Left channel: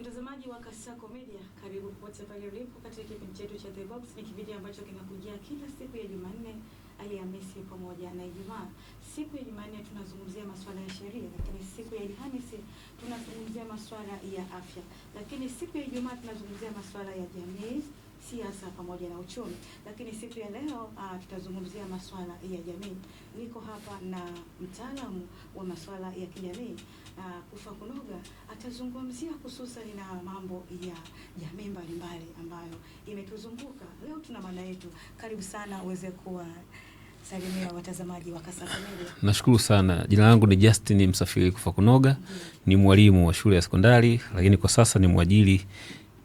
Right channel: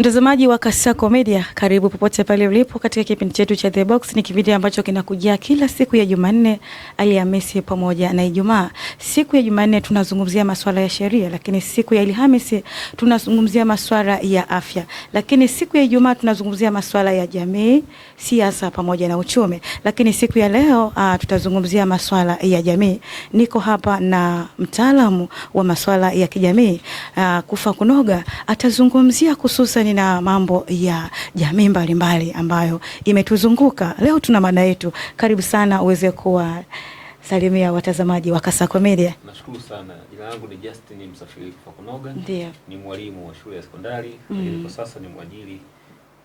Mtazamaji wa Kasako Media, karibu popote pale ulipo katika kipindi chetu cha The Box. Ni kipindi ambacho kinakujia kila siku ya Jumanne, Alhamisi pamoja na Ijumaa. Siku ya Jumanne tunazungumzia masuala ya sheria, lakini siku ya Alhamisi tunazungumzia masuala ya afya, lakini siku ya Ijumaa tunazungumzia masuala ya jamii, siasa pamoja na uchumi. Lakini siku ya leo tutazungumzia masuala ya jamii. Niko hapa na mtaalamu wa masuala ya kijamii, Kufa Kunoga. Atazungumzia hususan na mambo ya jamii mbalimbali ambayo imetuzunguka. Leo tuna mada yetu. Karibu sana uweze kuwa salimia watazamaji wa Kasako Media. Nashukuru sana. Jina langu ni Justin Msafiri Kufa Kunoga. Ndiyo. Ni mwalimu wa shule ya sekondari, lakini kwa sasa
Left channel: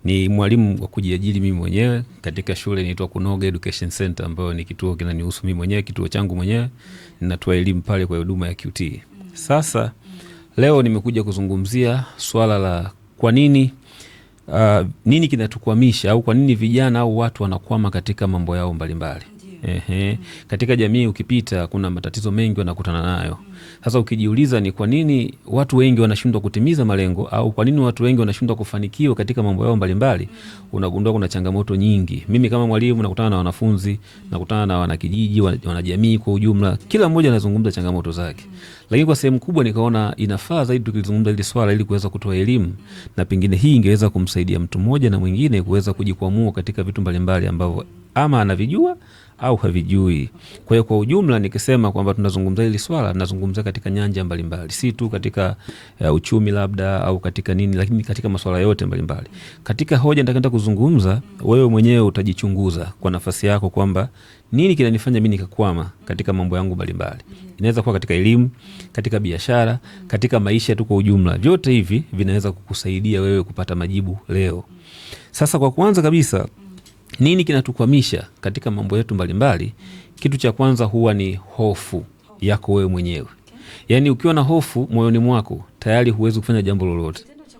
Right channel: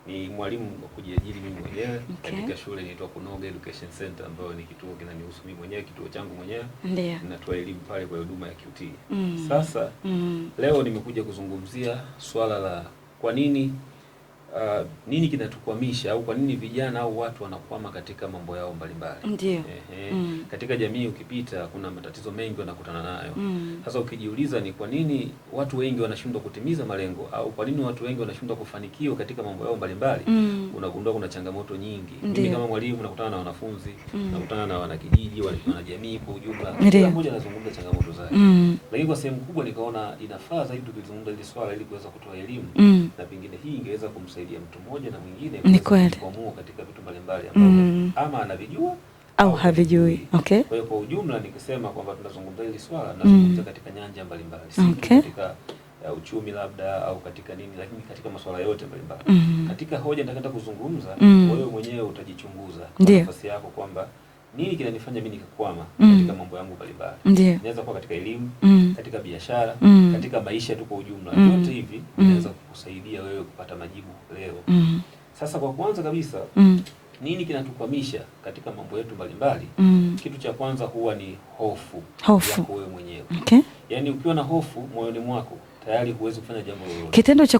ni mwalimu wa kujiajiri mimi mwenyewe katika shule inaitwa Kunoga Education Center, ambayo ni kituo kinanihusu mimi mwenyewe, kituo changu mwenyewe. Ninatoa elimu pale kwa huduma ya QT. Sasa leo nimekuja kuzungumzia swala la kwa nini nini kinatukwamisha au kwa nini vijana au watu wanakwama katika mambo yao mbalimbali. Katika jamii ukipita kuna matatizo mengi wanakutana nayo. Sasa ukijiuliza ni kwa nini watu wengi wanashindwa kutimiza malengo au kwa nini watu wengi wanashindwa kufanikiwa katika mambo yao mbalimbali, unagundua kuna changamoto nyingi. Mimi kama mwalimu nakutana na wanafunzi, nakutana na wanakijiji, wanajamii kwa ujumla. Kila mmoja anazungumza changamoto zake. Lakini kwa sehemu kubwa nikaona inafaa zaidi tukizungumza hili swala ili kuweza kutoa elimu na pengine hii ingeweza kumsaidia mtu mmoja na mwingine kuweza kujikwamua katika vitu mbalimbali ambavyo ama anavijua au havijui. Kwa hiyo kwa ujumla nikisema kwamba tunazungumza hili swala, tunazungumza katika nyanja mbalimbali, si tu katika uchumi labda au katika nini, lakini katika masuala yote mbalimbali. Katika hoja nitakenda kuzungumza, wewe mwenyewe utajichunguza kwa nafasi yako kwamba nini kinanifanya mimi nikakwama katika mambo yangu mbalimbali. Inaweza kuwa katika elimu, katika biashara, katika maisha tu kwa ujumla. Vyote hivi vinaweza kukusaidia wewe kupata majibu leo. Sasa kwa kwanza kabisa, nini kinatukwamisha katika mambo yetu mbalimbali? Kitu cha kwanza huwa ni hofu yako wewe mwenyewe. Yaani ukiwa na hofu moyoni mwako, tayari huwezi kufanya jambo lolote. Kitendo cha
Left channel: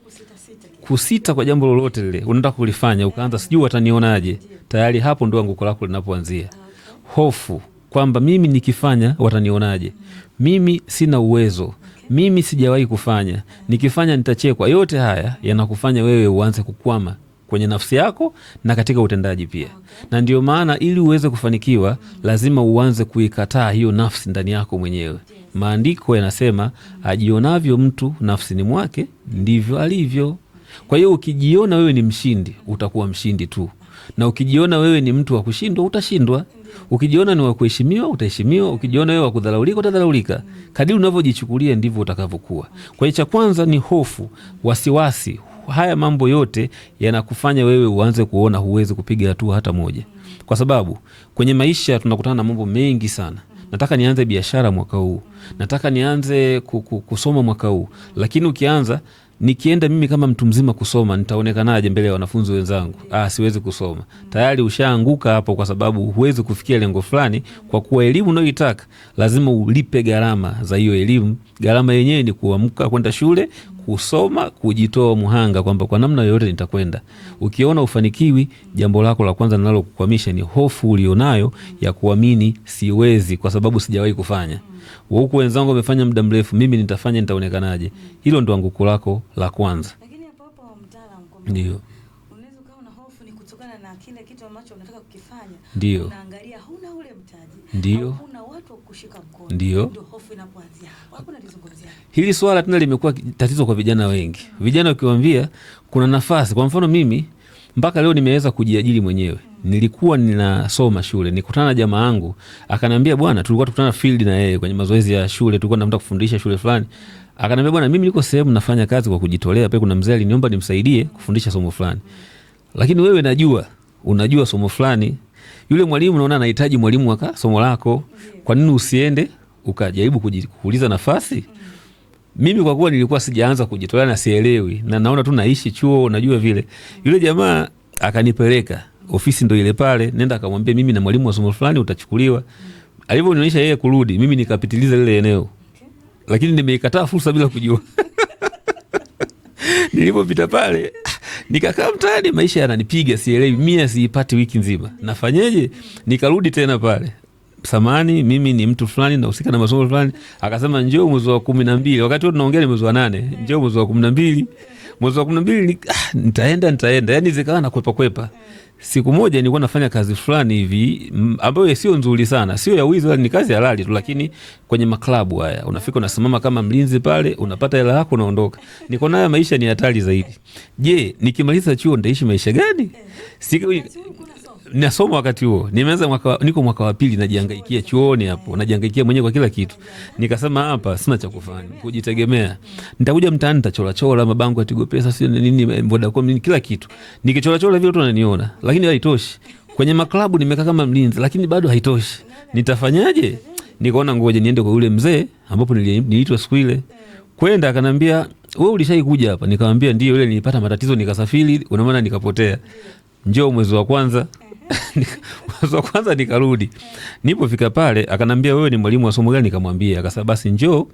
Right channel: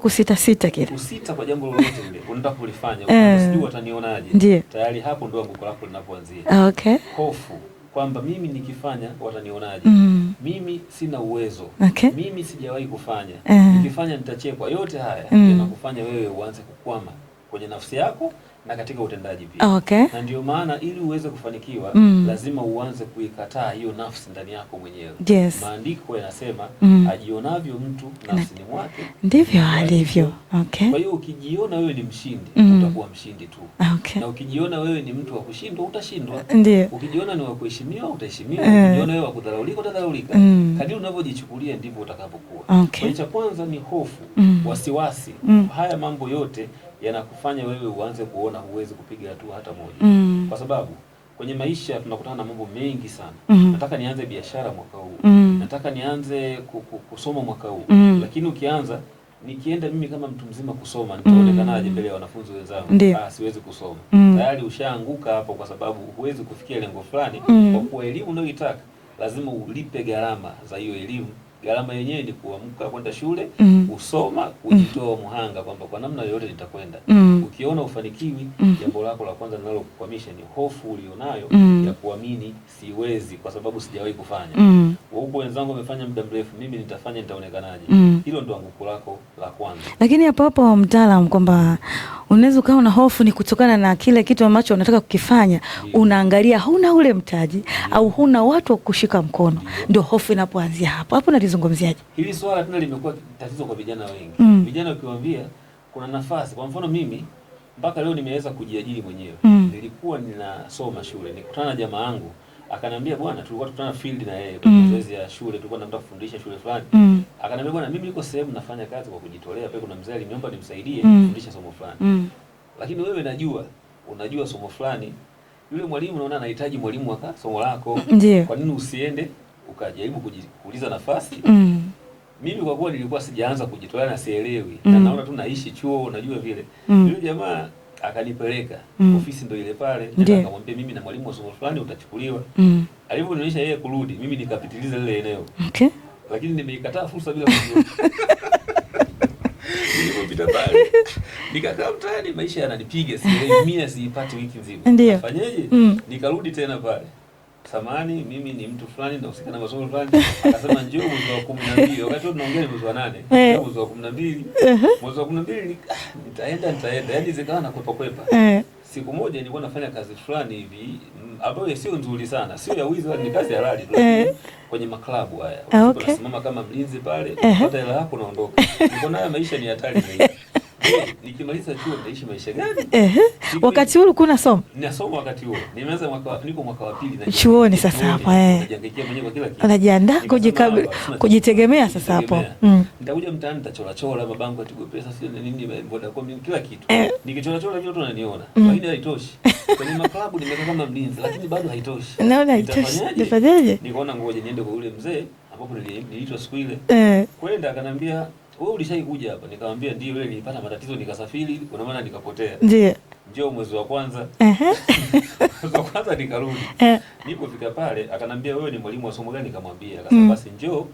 kusita kwa jambo lolote lile unataka kulifanya, ukaanza sijui watanionaje. Tayari hapo ndio anguko lako linapoanzia. Hofu kwamba mimi nikifanya watanionaje, mimi sina uwezo, mimi sijawahi kufanya, nikifanya nitachekwa. Yote haya yanakufanya wewe uanze kukwama kwenye nafsi yako na katika utendaji pia. Na ndio maana ili uweze kufanikiwa lazima uanze kuikataa hiyo nafsi ndani yako mwenyewe. Maandiko yanasema ajionavyo mtu nafsini mwake ndivyo alivyo. Kwa hiyo ukijiona wewe ni mshindi, utakuwa mshindi tu. Na ukijiona wewe ni mtu wa kushindwa, utashindwa. Ukijiona ni wa kuheshimiwa, utaheshimiwa. Ukijiona wewe wa kudharaulika, utadharaulika. Kadiri unavyojichukulia ndivyo utakavyokuwa. Kwa hiyo cha kwanza ni hofu, wasiwasi. Haya mambo yote yanakufanya wewe uanze kuona huwezi kupiga hatua hata moja. Kwa sababu kwenye maisha tunakutana na mambo mengi sana. Nataka nianze biashara mwaka huu. Nataka nianze kusoma mwaka huu. Lakini ukianza, nikienda mimi kama mtu mzima kusoma, nitaonekanaje mbele ya wanafunzi wenzangu? Siwezi kusoma. Tayari ushaanguka hapo, kwa sababu huwezi kufikia lengo fulani. Kwa kuwa elimu unayoitaka lazima ulipe gharama za hiyo elimu. Gharama yenyewe ni kuamka kwenda shule, kusoma, kujitoa muhanga kwamba kwa namna yoyote nitakwenda. Ukiona ufanikiwi, jambo lako la kwanza linalokukwamisha ni hofu ulionayo ya kuamini siwezi kwa sababu sijawahi kufanya. Huko wenzangu wamefanya muda mrefu, mimi nitafanya, nitaonekanaje? Hilo ndo anguko lako la kwanza. Lakini hapo mtaalamu kwamba unaweza ukawa na hofu ni kutokana na kile kitu ambacho unataka kukifanya. Unaangalia huna ule mtaji au huna watu wa kushika mkono. Ndio hofu inapoanzia hapo. Hapo nalizungumziaje? Hili swala tena limekuwa tatizo kwa vijana wengi. Vijana ukiwaambia kuna nafasi, kwa mfano mimi mpaka leo nimeweza kujiajiri mwenyewe. Nilikuwa ninasoma shule, nikutana na jamaa yangu, akanambia bwana, tulikuwa tukutana field na yeye kwenye mazoezi ya shule, tulikuwa tunataka kufundisha shule fulani. Akanambia bwana, mimi niko sehemu nafanya kazi kwa kujitolea, pale kuna mzee aliniomba nimsaidie kufundisha somo fulani. Lakini wewe unajua somo fulani, yule mwalimu naona anahitaji mwalimu wa somo lako. Kwa nini usiende ukajaribu kuuliza nafasi? Mimi kwa kuwa nilikuwa sijaanza kujitolea na sielewi na naona tu naishi chuo, unajua vile. Yule jamaa akanipeleka ofisi ndo ile pale, nenda akamwambia mimi na mwalimu wa somo fulani utachukuliwa. Alivyonionyesha yeye kurudi, mimi nikapitiliza lile eneo. Lakini nimeikataa fursa bila kujua. Nilipopita pale nikakaa mtaani, maisha yananipiga, sielewi, mimi siipati wiki nzima. Nafanyeje? Nikarudi tena pale. samani, mimi ni mtu fulani nahusika na masomo fulani. Akasema njoo mwezi wa 12, wakati tunaongea ni mwezi wa 8, njoo mwezi wa 12. Mwezi wa 12 nitaenda, yani zikawa na kwepa. Siku moja nilikuwa nafanya kazi fulani hivi ambayo sio nzuri sana, sio ya wizi, ni kazi halali tu, lakini kwenye maklabu haya unafika unasimama kama mlinzi pale, unapata hela yako unaondoka. Niko nayo, maisha ni hatari zaidi. Je, nikimaliza chuo nitaishi maisha gani? Wakati huo ulikuwa unasoma? Nasoma wakati huo. Nimeanza niko mwaka wa pili najiangalia chuoni hapo. Najiangalia mwenyewe kwa kila kitu. Nikasema hapa sina kujitegemea sasa hapo. Nitakuja mtaani nitachora mabango ya Tigo Pesa sio nini Vodacom nini kila kitu. Nikichora vile watu wananiona, lakini haitoshi. Kwenye maklabu nimekaa kama mlinzi, lakini bado haitoshi. Nitafanyaje? Nikaona ngoja niende kwa yule mzee ambapo niliitwa siku ile. Kwenda akanambia, wewe ulishaikuja hapa? Nikamwambia ndio, ile nilipata matatizo nikasafiri, unaona nikapotea. Ndio. Njoo mwezi wa kwanza. Mwezi wa kwanza nikarudi. Nilipofika pale akanambia, wewe ni mwalimu wa somo gani? Nikamwambia. Akasema basi njoo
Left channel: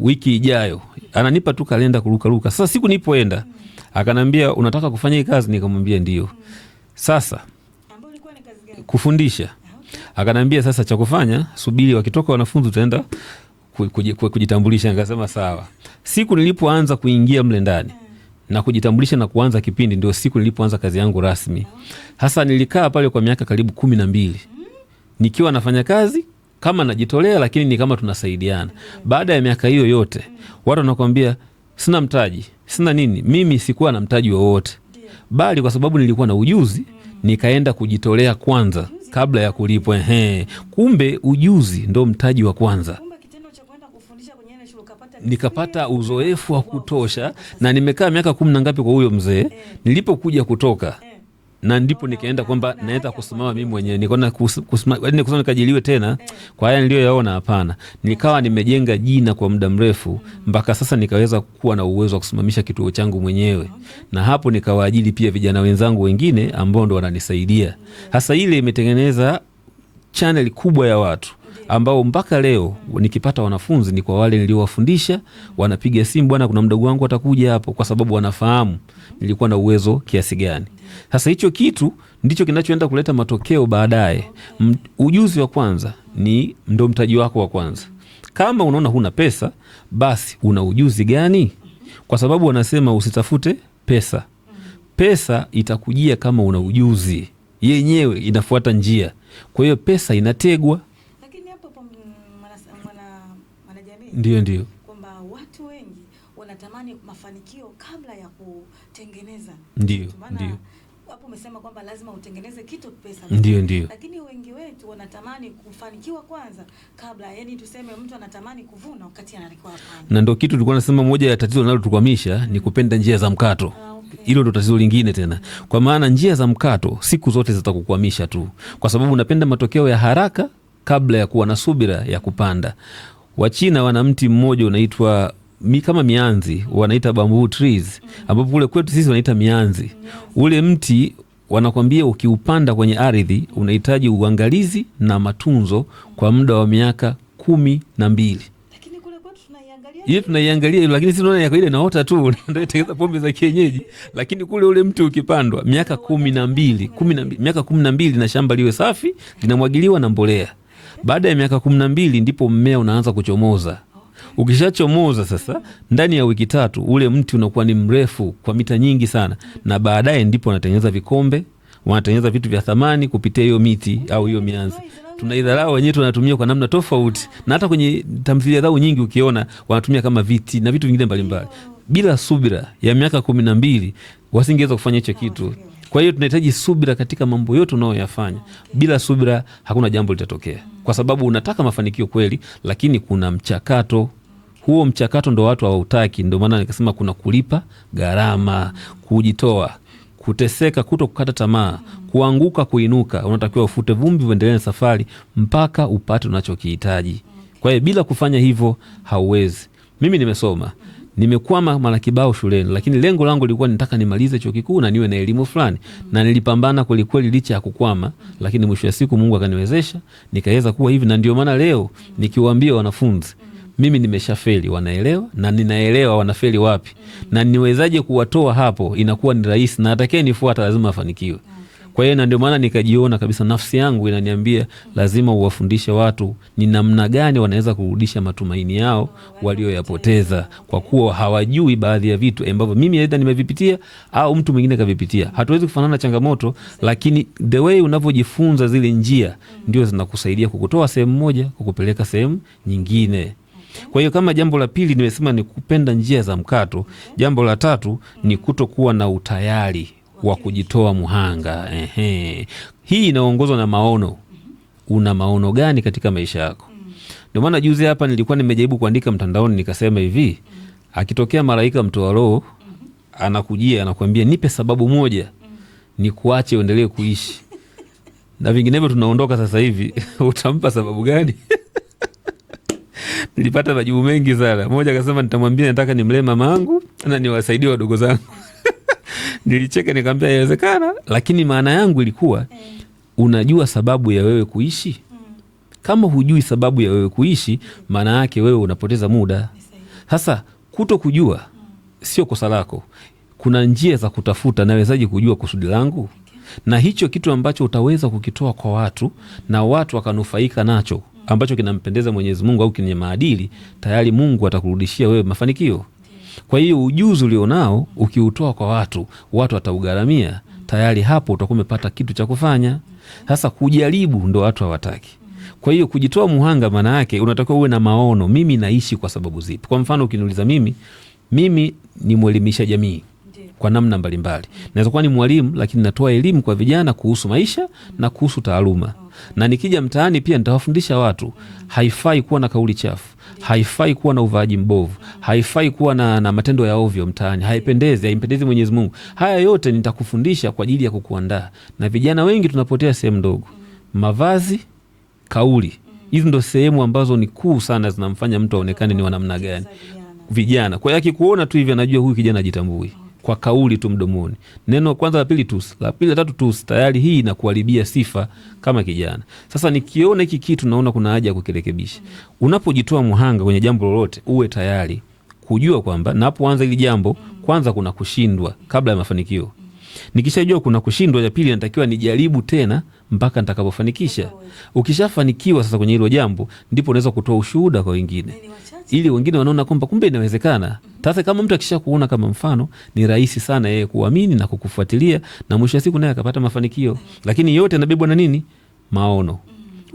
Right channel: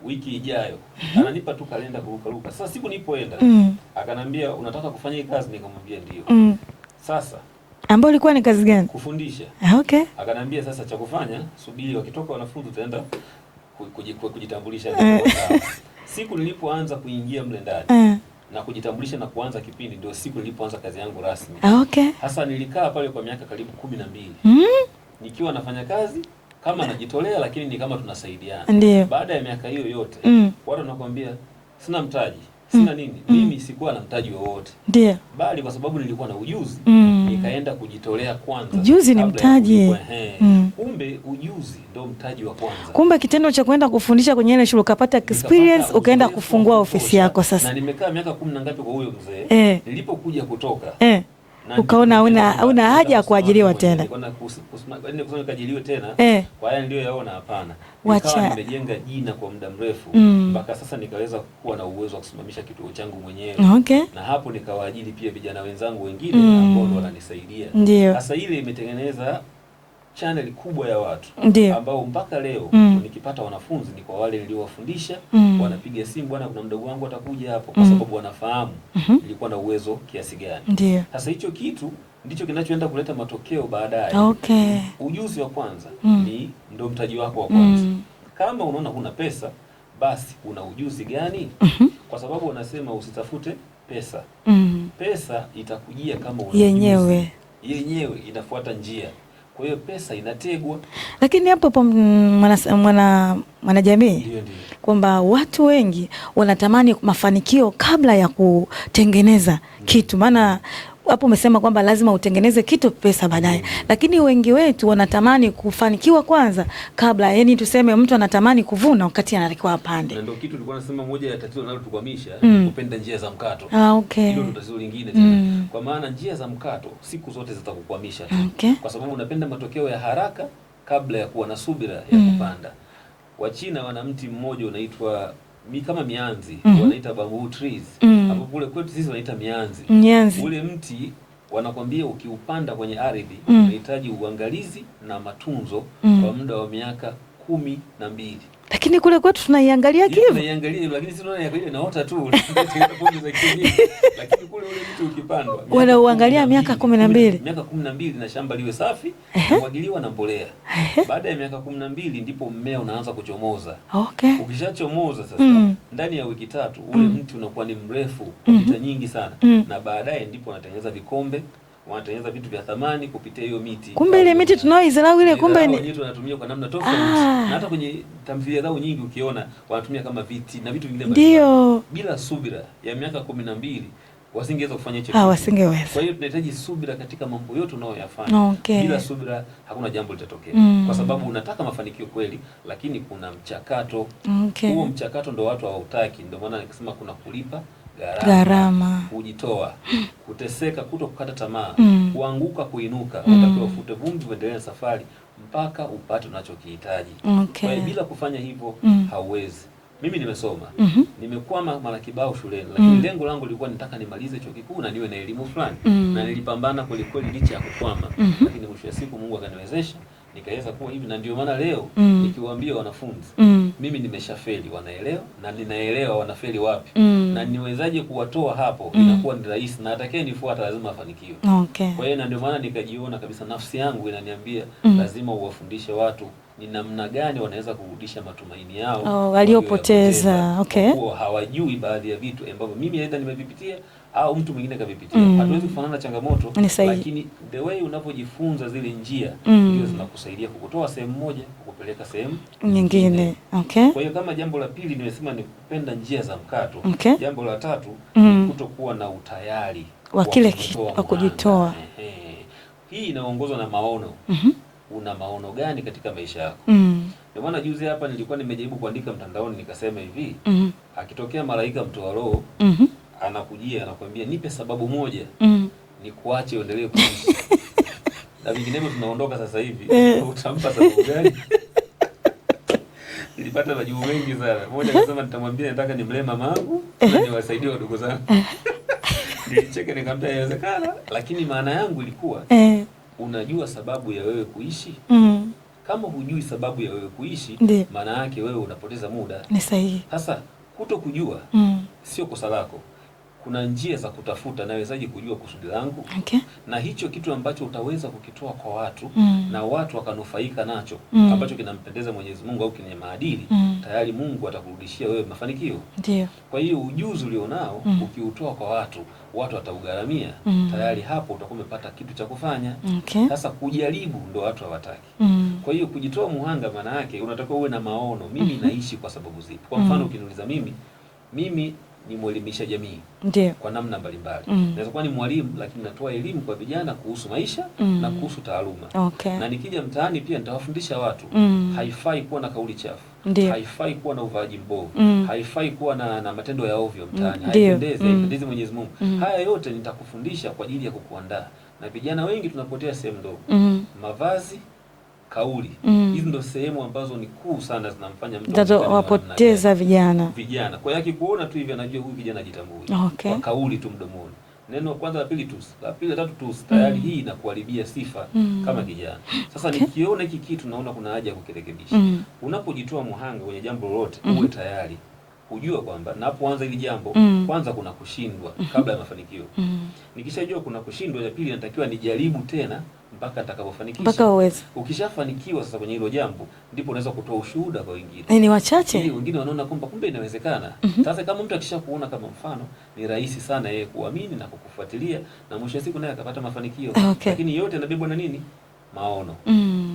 wiki ijayo. Ananipa tu kalenda kuruka. Sasa siku nilipoenda akanambia, unataka kufanya hii kazi? Nikamwambia ndio. Sasa ambayo ilikuwa ni kazi gani? Kufundisha. Okay. Akanambia sasa cha kufanya, subiri wakitoka wanafunzi utaenda kujitambulisha. Nikasema sawa. Siku nilipoanza kuingia mle ndani na kujitambulisha na kuanza kipindi, ndio siku nilipoanza kazi yangu rasmi. Okay. Hasa nilikaa pale kwa miaka karibu 12. Nikiwa nafanya kazi kama najitolea, lakini ni kama tunasaidiana. Baada ya miaka hiyo yote, watu wanakuambia sina mtaji, sina nini. Mimi sikuwa na mtaji wowote. Bali kwa sababu nilikuwa na ujuzi, nikaenda kujitolea kwanza kabla ya kulipwa. Kumbe ujuzi ndo mtaji wa kwanza. Kumbe kitendo cha kwenda kufundisha kwenye ile shule ukapata experience, ukaenda kufungua ofisi yako sasa. Na nimekaa miaka 10 na ngapi kwa huyo mzee. Nilipokuja kutoka ukaona una haja ya kuajiriwa tena. Nikaona kusema nikajiliwe tena kwa haya niliyoyaona, hapana. Nikawa nimejenga jina kwa muda mrefu mpaka sasa nikaweza kuwa na uwezo wa kusimamisha kituo changu mwenyewe. Na hapo nikawaajiri pia vijana wenzangu wengine ambao ndo wananisaidia. Sasa ile imetengeneza channel kubwa ya watu ambao mpaka leo nikipata wanafunzi ni kwa wale niliowafundisha. Wanapiga simu, bwana kuna mdogo wangu atakuja hapo, kwa sababu wanafahamu nilikuwa na uwezo kiasi gani. Sasa hicho kitu ndicho kinachoenda kuleta matokeo baadaye. Ujuzi wa kwanza ni ndo mtaji wako wa kwanza. Kama unaona huna pesa, basi una ujuzi gani? Kwa sababu wanasema usitafute pesa. Pesa itakujia kama una ujuzi. Yenyewe inafuata njia. Kwa hiyo pesa inategwa. Lakini hapo mwanajamii, ndio kwamba watu wengi wanatamani mafanikio kabla ya kutengeneza kitu. Maana hapo umesema kwamba lazima utengeneze kitu pesa baadaye, lakini wengi wetu wanatamani kufanikiwa kwanza kabla, yani tuseme mtu anatamani kuvuna wakati anatakiwa apande. Na ndio kitu tulikuwa nasema moja ya tatizo linalotukwamisha ni kupenda njia za mkato. Hilo ndio tatizo lingine tena. Kwa maana njia za mkato siku zote zitakukwamisha tu. Kwa sababu unapenda matokeo ya haraka kabla ya kuwa na subira ya kupanda. Wachina wana mti mmoja unaitwa kama mianzi, wanaita bamboo trees, ambapo kule kwetu sisi wanaita mianzi. Ule mti wanakwambia ukiupanda kwenye ardhi unahitaji uangalizi na matunzo kwa muda wa miaka 12. Lakini kule kwetu tunaiangalia hivi. Tunaiangalia lakini sisi tunaona yako ile inaota tu, ndio pombe za kienyeji. Lakini kule ule mti ukipandwa miaka 12, miaka 12 na shamba liwe safi, linamwagiliwa na mbolea. Baada ya miaka 12 ndipo mmea unaanza kuchomoza. Ukishachomoza sasa, ndani ya wiki 3 ule mti unakuwa ni mrefu kwa mita nyingi sana. Na baadaye ndipo wanatengeneza vikombe, wanatengeneza vitu vya thamani kupitia hiyo miti. Kumbe ile miti tunaoizarau ile, kumbe wenyewe tunatumia kwa namna tofauti. Na hata kwenye tamthilia zao nyingi ukiona wanatumia kama viti na vitu vingine mbalimbali. Bila subira ya miaka 12 wasingeweza kufanya hicho kitu. Kwa hiyo tunahitaji subira katika mambo yote unayoyafanya. Bila subira hakuna jambo litatokea. Kwa sababu unataka mafanikio kweli, lakini kuna mchakato. Huo mchakato ndo watu hawautaki. Ndio maana nikasema kuna kulipa gharama, kujitoa, kuteseka, kuto kukata tamaa, kuanguka, kuinuka. Unatakiwa ufute vumbi, uendelee na safari mpaka upate unachokihitaji. Kwa hiyo bila kufanya hivyo hauwezi. mimi nimesoma, nimekwama mara kibao shuleni, lakini lengo langu lilikuwa nitaka nimalize chuo kikuu na niwe na elimu fulani, na nilipambana kweli kweli licha ya kukwama, lakini mwisho wa siku Mungu akaniwezesha nikaweza kuwa hivi, na ndio maana leo nikiwaambia wanafunzi mimi nimeshafeli, wanaelewa, na ninaelewa wanafeli wapi, na niwezaje kuwatoa hapo, inakuwa ni rahisi, na atakaye nifuata lazima afanikiwe. Okay. Kwa hiyo na ndio maana nikajiona kabisa, nafsi yangu inaniambia lazima uwafundishe watu ni namna gani wanaweza kurudisha matumaini yao waliyopoteza. Okay. Kwa kuwa hawajui baadhi ya vitu ambavyo mimi aidha nimevipitia au mtu mwingine kavipitia. Hatuwezi kufanana changamoto, lakini the way unavyojifunza zile njia ndio zinakusaidia kukutoa sehemu moja kukupeleka sehemu nyingine. Okay. Kwa hiyo kama jambo la pili nimesema ni kupenda njia za mkato. Okay. Jambo la tatu ni kutokuwa na utayari wa kujitoa muhanga. Hii inaongozwa na maono. Una maono gani katika maisha yako? Ndio maana juzi hapa nilikuwa nimejaribu kuandika mtandaoni nikasema hivi, akitokea malaika mtoa roho anakujia anakuambia nipe sababu moja ni kuache uendelee kuishi na vinginevyo tunaondoka sasa hivi, utampa sababu gani? Nilipata majibu mengi sana. Moja akasema nitamwambia nataka nimlee mama yangu na niwasaidie wadogo zangu. Nilicheka nikamwambia inawezekana, lakini maana yangu ilikuwa unajua sababu ya wewe kuishi? Kama hujui sababu ya wewe kuishi, maana yake wewe unapoteza muda. Ni sahihi. Sasa kuto kujua sio kosa lako. Kuna njia za kutafuta, nawezaje kujua kusudi langu? Okay. Na hicho kitu ambacho utaweza kukitoa kwa watu na watu wakanufaika nacho ambacho kinampendeza Mwenyezi Mungu au kwenye maadili, tayari Mungu atakurudishia wewe mafanikio. Ndiyo. Kwa hiyo ujuzi ulionao ukiutoa kwa watu, watu wataugaramia, tayari hapo utakuwa umepata kitu cha kufanya. Okay. Sasa kujaribu ndo watu hawataki. Kwa hiyo kujitoa muhanga maana yake unatakiwa uwe na maono, mimi naishi kwa sababu zipi? Kwa mfano ukiniuliza mimi ni mwelimisha jamii. Ndiyo. Kwa namna mbalimbali. Naweza kuwa ni mwalimu lakini natoa elimu kwa vijana kuhusu maisha na kuhusu taaluma. Okay. Na nikija mtaani pia nitawafundisha watu haifai kuwa na kauli chafu. Ndiyo. Haifai kuwa na uvaaji mbovu. Haifai kuwa na matendo ya ovyo mtaani. Haipendezi, haimpendezi Mwenyezi Mungu. Haya yote nitakufundisha kwa ajili ya kukuandaa. Na vijana wengi tunapotea sehemu ndogo. Mavazi, kauli. Hizi ndo sehemu ambazo ni kuu sana zinamfanya mtu aonekane ni namna gani. Vijana. Kwa hiyo akikuona tu hivi anajua huyu kijana ajitambui. Okay. Kwa kauli tu mdomoni. Neno kwanza la pili tusi, la pili la tatu tusi, tayari hii inakuharibia sifa kama kijana. Sasa nikiona hiki kitu naona kuna haja ya kukirekebisha. Unapojitoa muhanga kwenye jambo lolote, uwe tayari kujua kwamba napoanza hili jambo kwanza kuna kushindwa kabla ya mafanikio. Nikishajua kuna kushindwa, ya pili natakiwa nijaribu tena mpaka nitakapofanikisha. Ukishafanikiwa sasa kwenye hilo jambo, ndipo unaweza kutoa ushuhuda kwa wengine. Ni wachache. Ili wengine wanaona kwamba kumbe inawezekana. Sasa kama mtu akisha kuona kama mfano, ni rahisi sana yeye kuamini na kukufuatilia, na mwisho wa siku naye akapata mafanikio. Okay. Lakini yote yanabebwa na nini? Maono.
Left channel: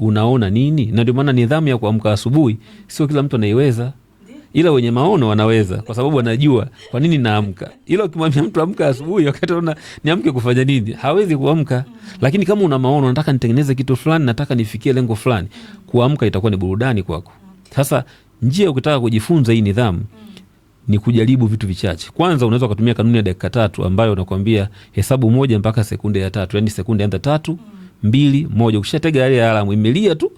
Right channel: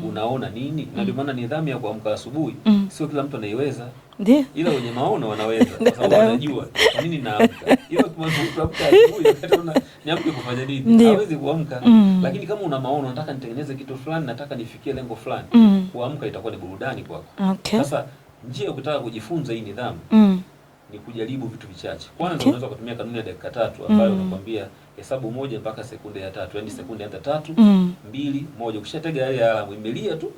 Unaona nini? Na ndio maana nidhamu ya kuamka asubuhi sio kila mtu anaiweza. Ndiyo. Ila wenye maono wanaweza kwa sababu wanajua kwa nini naamka. Ila ukimwambia mtu amka asubuhi wakati unaona niamke kufanya nini? Hawezi kuamka. Lakini kama una maono, nataka nitengeneze kitu fulani, nataka nifikie lengo fulani, kuamka itakuwa ni burudani kwako. Okay. Sasa njia ukitaka kujifunza hii nidhamu ni kujaribu vitu vichache. Kwanza unaweza kutumia kanuni ya dakika 3 ambayo unakwambia hesabu 1 mpaka sekunde ya 3. Yaani sekunde anza 3, 2, 1. Ukishatega ile alamu imelia tu,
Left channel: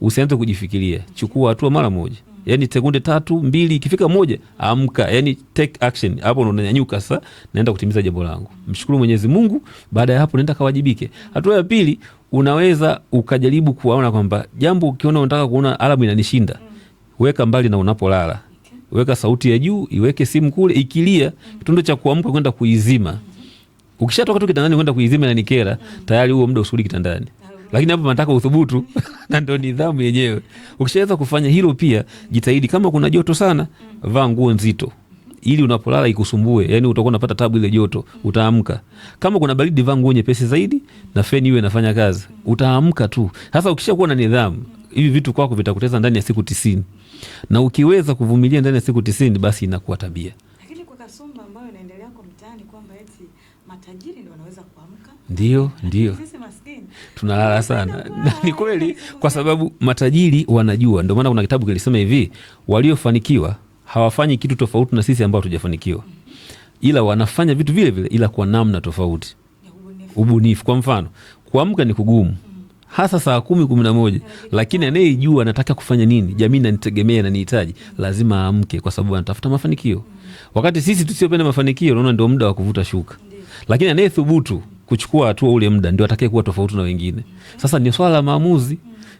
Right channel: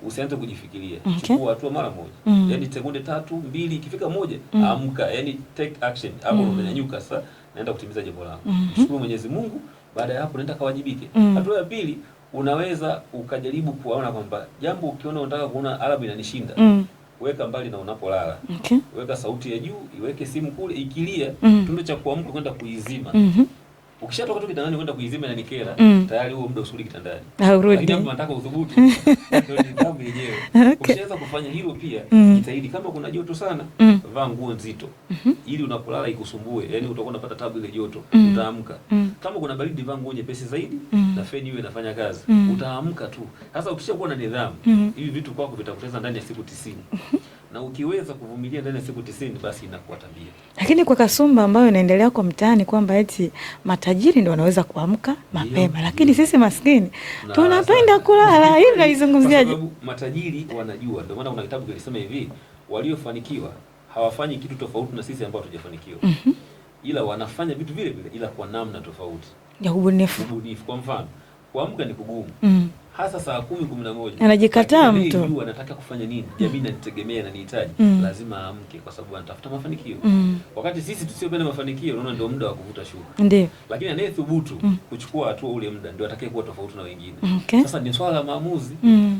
usianze kujifikiria. Okay. Chukua hatua mara moja. Yaani sekunde 3, 2 ikifika 1, amka. Yaani take action. Hapo unanyanyuka sasa, naenda kutimiza jambo langu. Mshukuru Mwenyezi Mungu, baada ya hapo nenda kawajibike. Hatua ya pili, unaweza ukajaribu kuona kwamba jambo ukiona unataka kuona alamu inanishinda. Weka mbali na unapolala. Okay. Weka sauti ya juu, iweke simu kule, ikilia, tundo cha kuamka kwenda kuizima. Ukishatoka tu kitandani kwenda kuizima na nikera, tayari huo muda usuli kitandani. Lakini hapo nataka uthubutu, ndio nidhamu yenyewe. Okay. Ukishaweza kufanya hilo pia, jitahidi kama kuna joto sana, vaa nguo nzito. Ili unapolala ikusumbue, yani utakuwa unapata tabu ile joto, utaamka. Kama kuna baridi, vaa nguo nyepesi zaidi na feni iwe inafanya kazi. Utaamka tu. Sasa ukishakuwa na nidhamu, hivi vitu kwako vitakuteza ndani ya siku 90. Na ukiweza kuvumilia ndani ya siku 90, basi inakuwa tabia. Lakini kwa kasumba ambayo inaendelea kwa mtaani kwamba eti matajiri ndio wanaweza kuamka mapema, lakini sisi maskini tunapenda kulala. Hii unaizungumzia kwa sababu matajiri wanajua. Ndio maana kuna kitabu kilisema hivi, waliofanikiwa hawafanyi kitu tofauti na sisi ambao hatujafanikiwa. Ila wanafanya vitu vile vile, ila kwa namna tofauti ya ubunifu. Kwa mfano, kuamka ni kugumu. hasa saa 10-11, lakini anayejua anataka kufanya nini, jamii inanitegemea na nihitaji, lazima aamke, kwa sababu anatafuta mafanikio. Wakati sisi tusiopenda mafanikio, unaona ndio muda wa kuvuta shuka. Ndiyo. Lakini anayethubutu kuchukua hatua ule muda ndio atakaye kuwa tofauti na wengine. Sasa ni swala la maamuzi.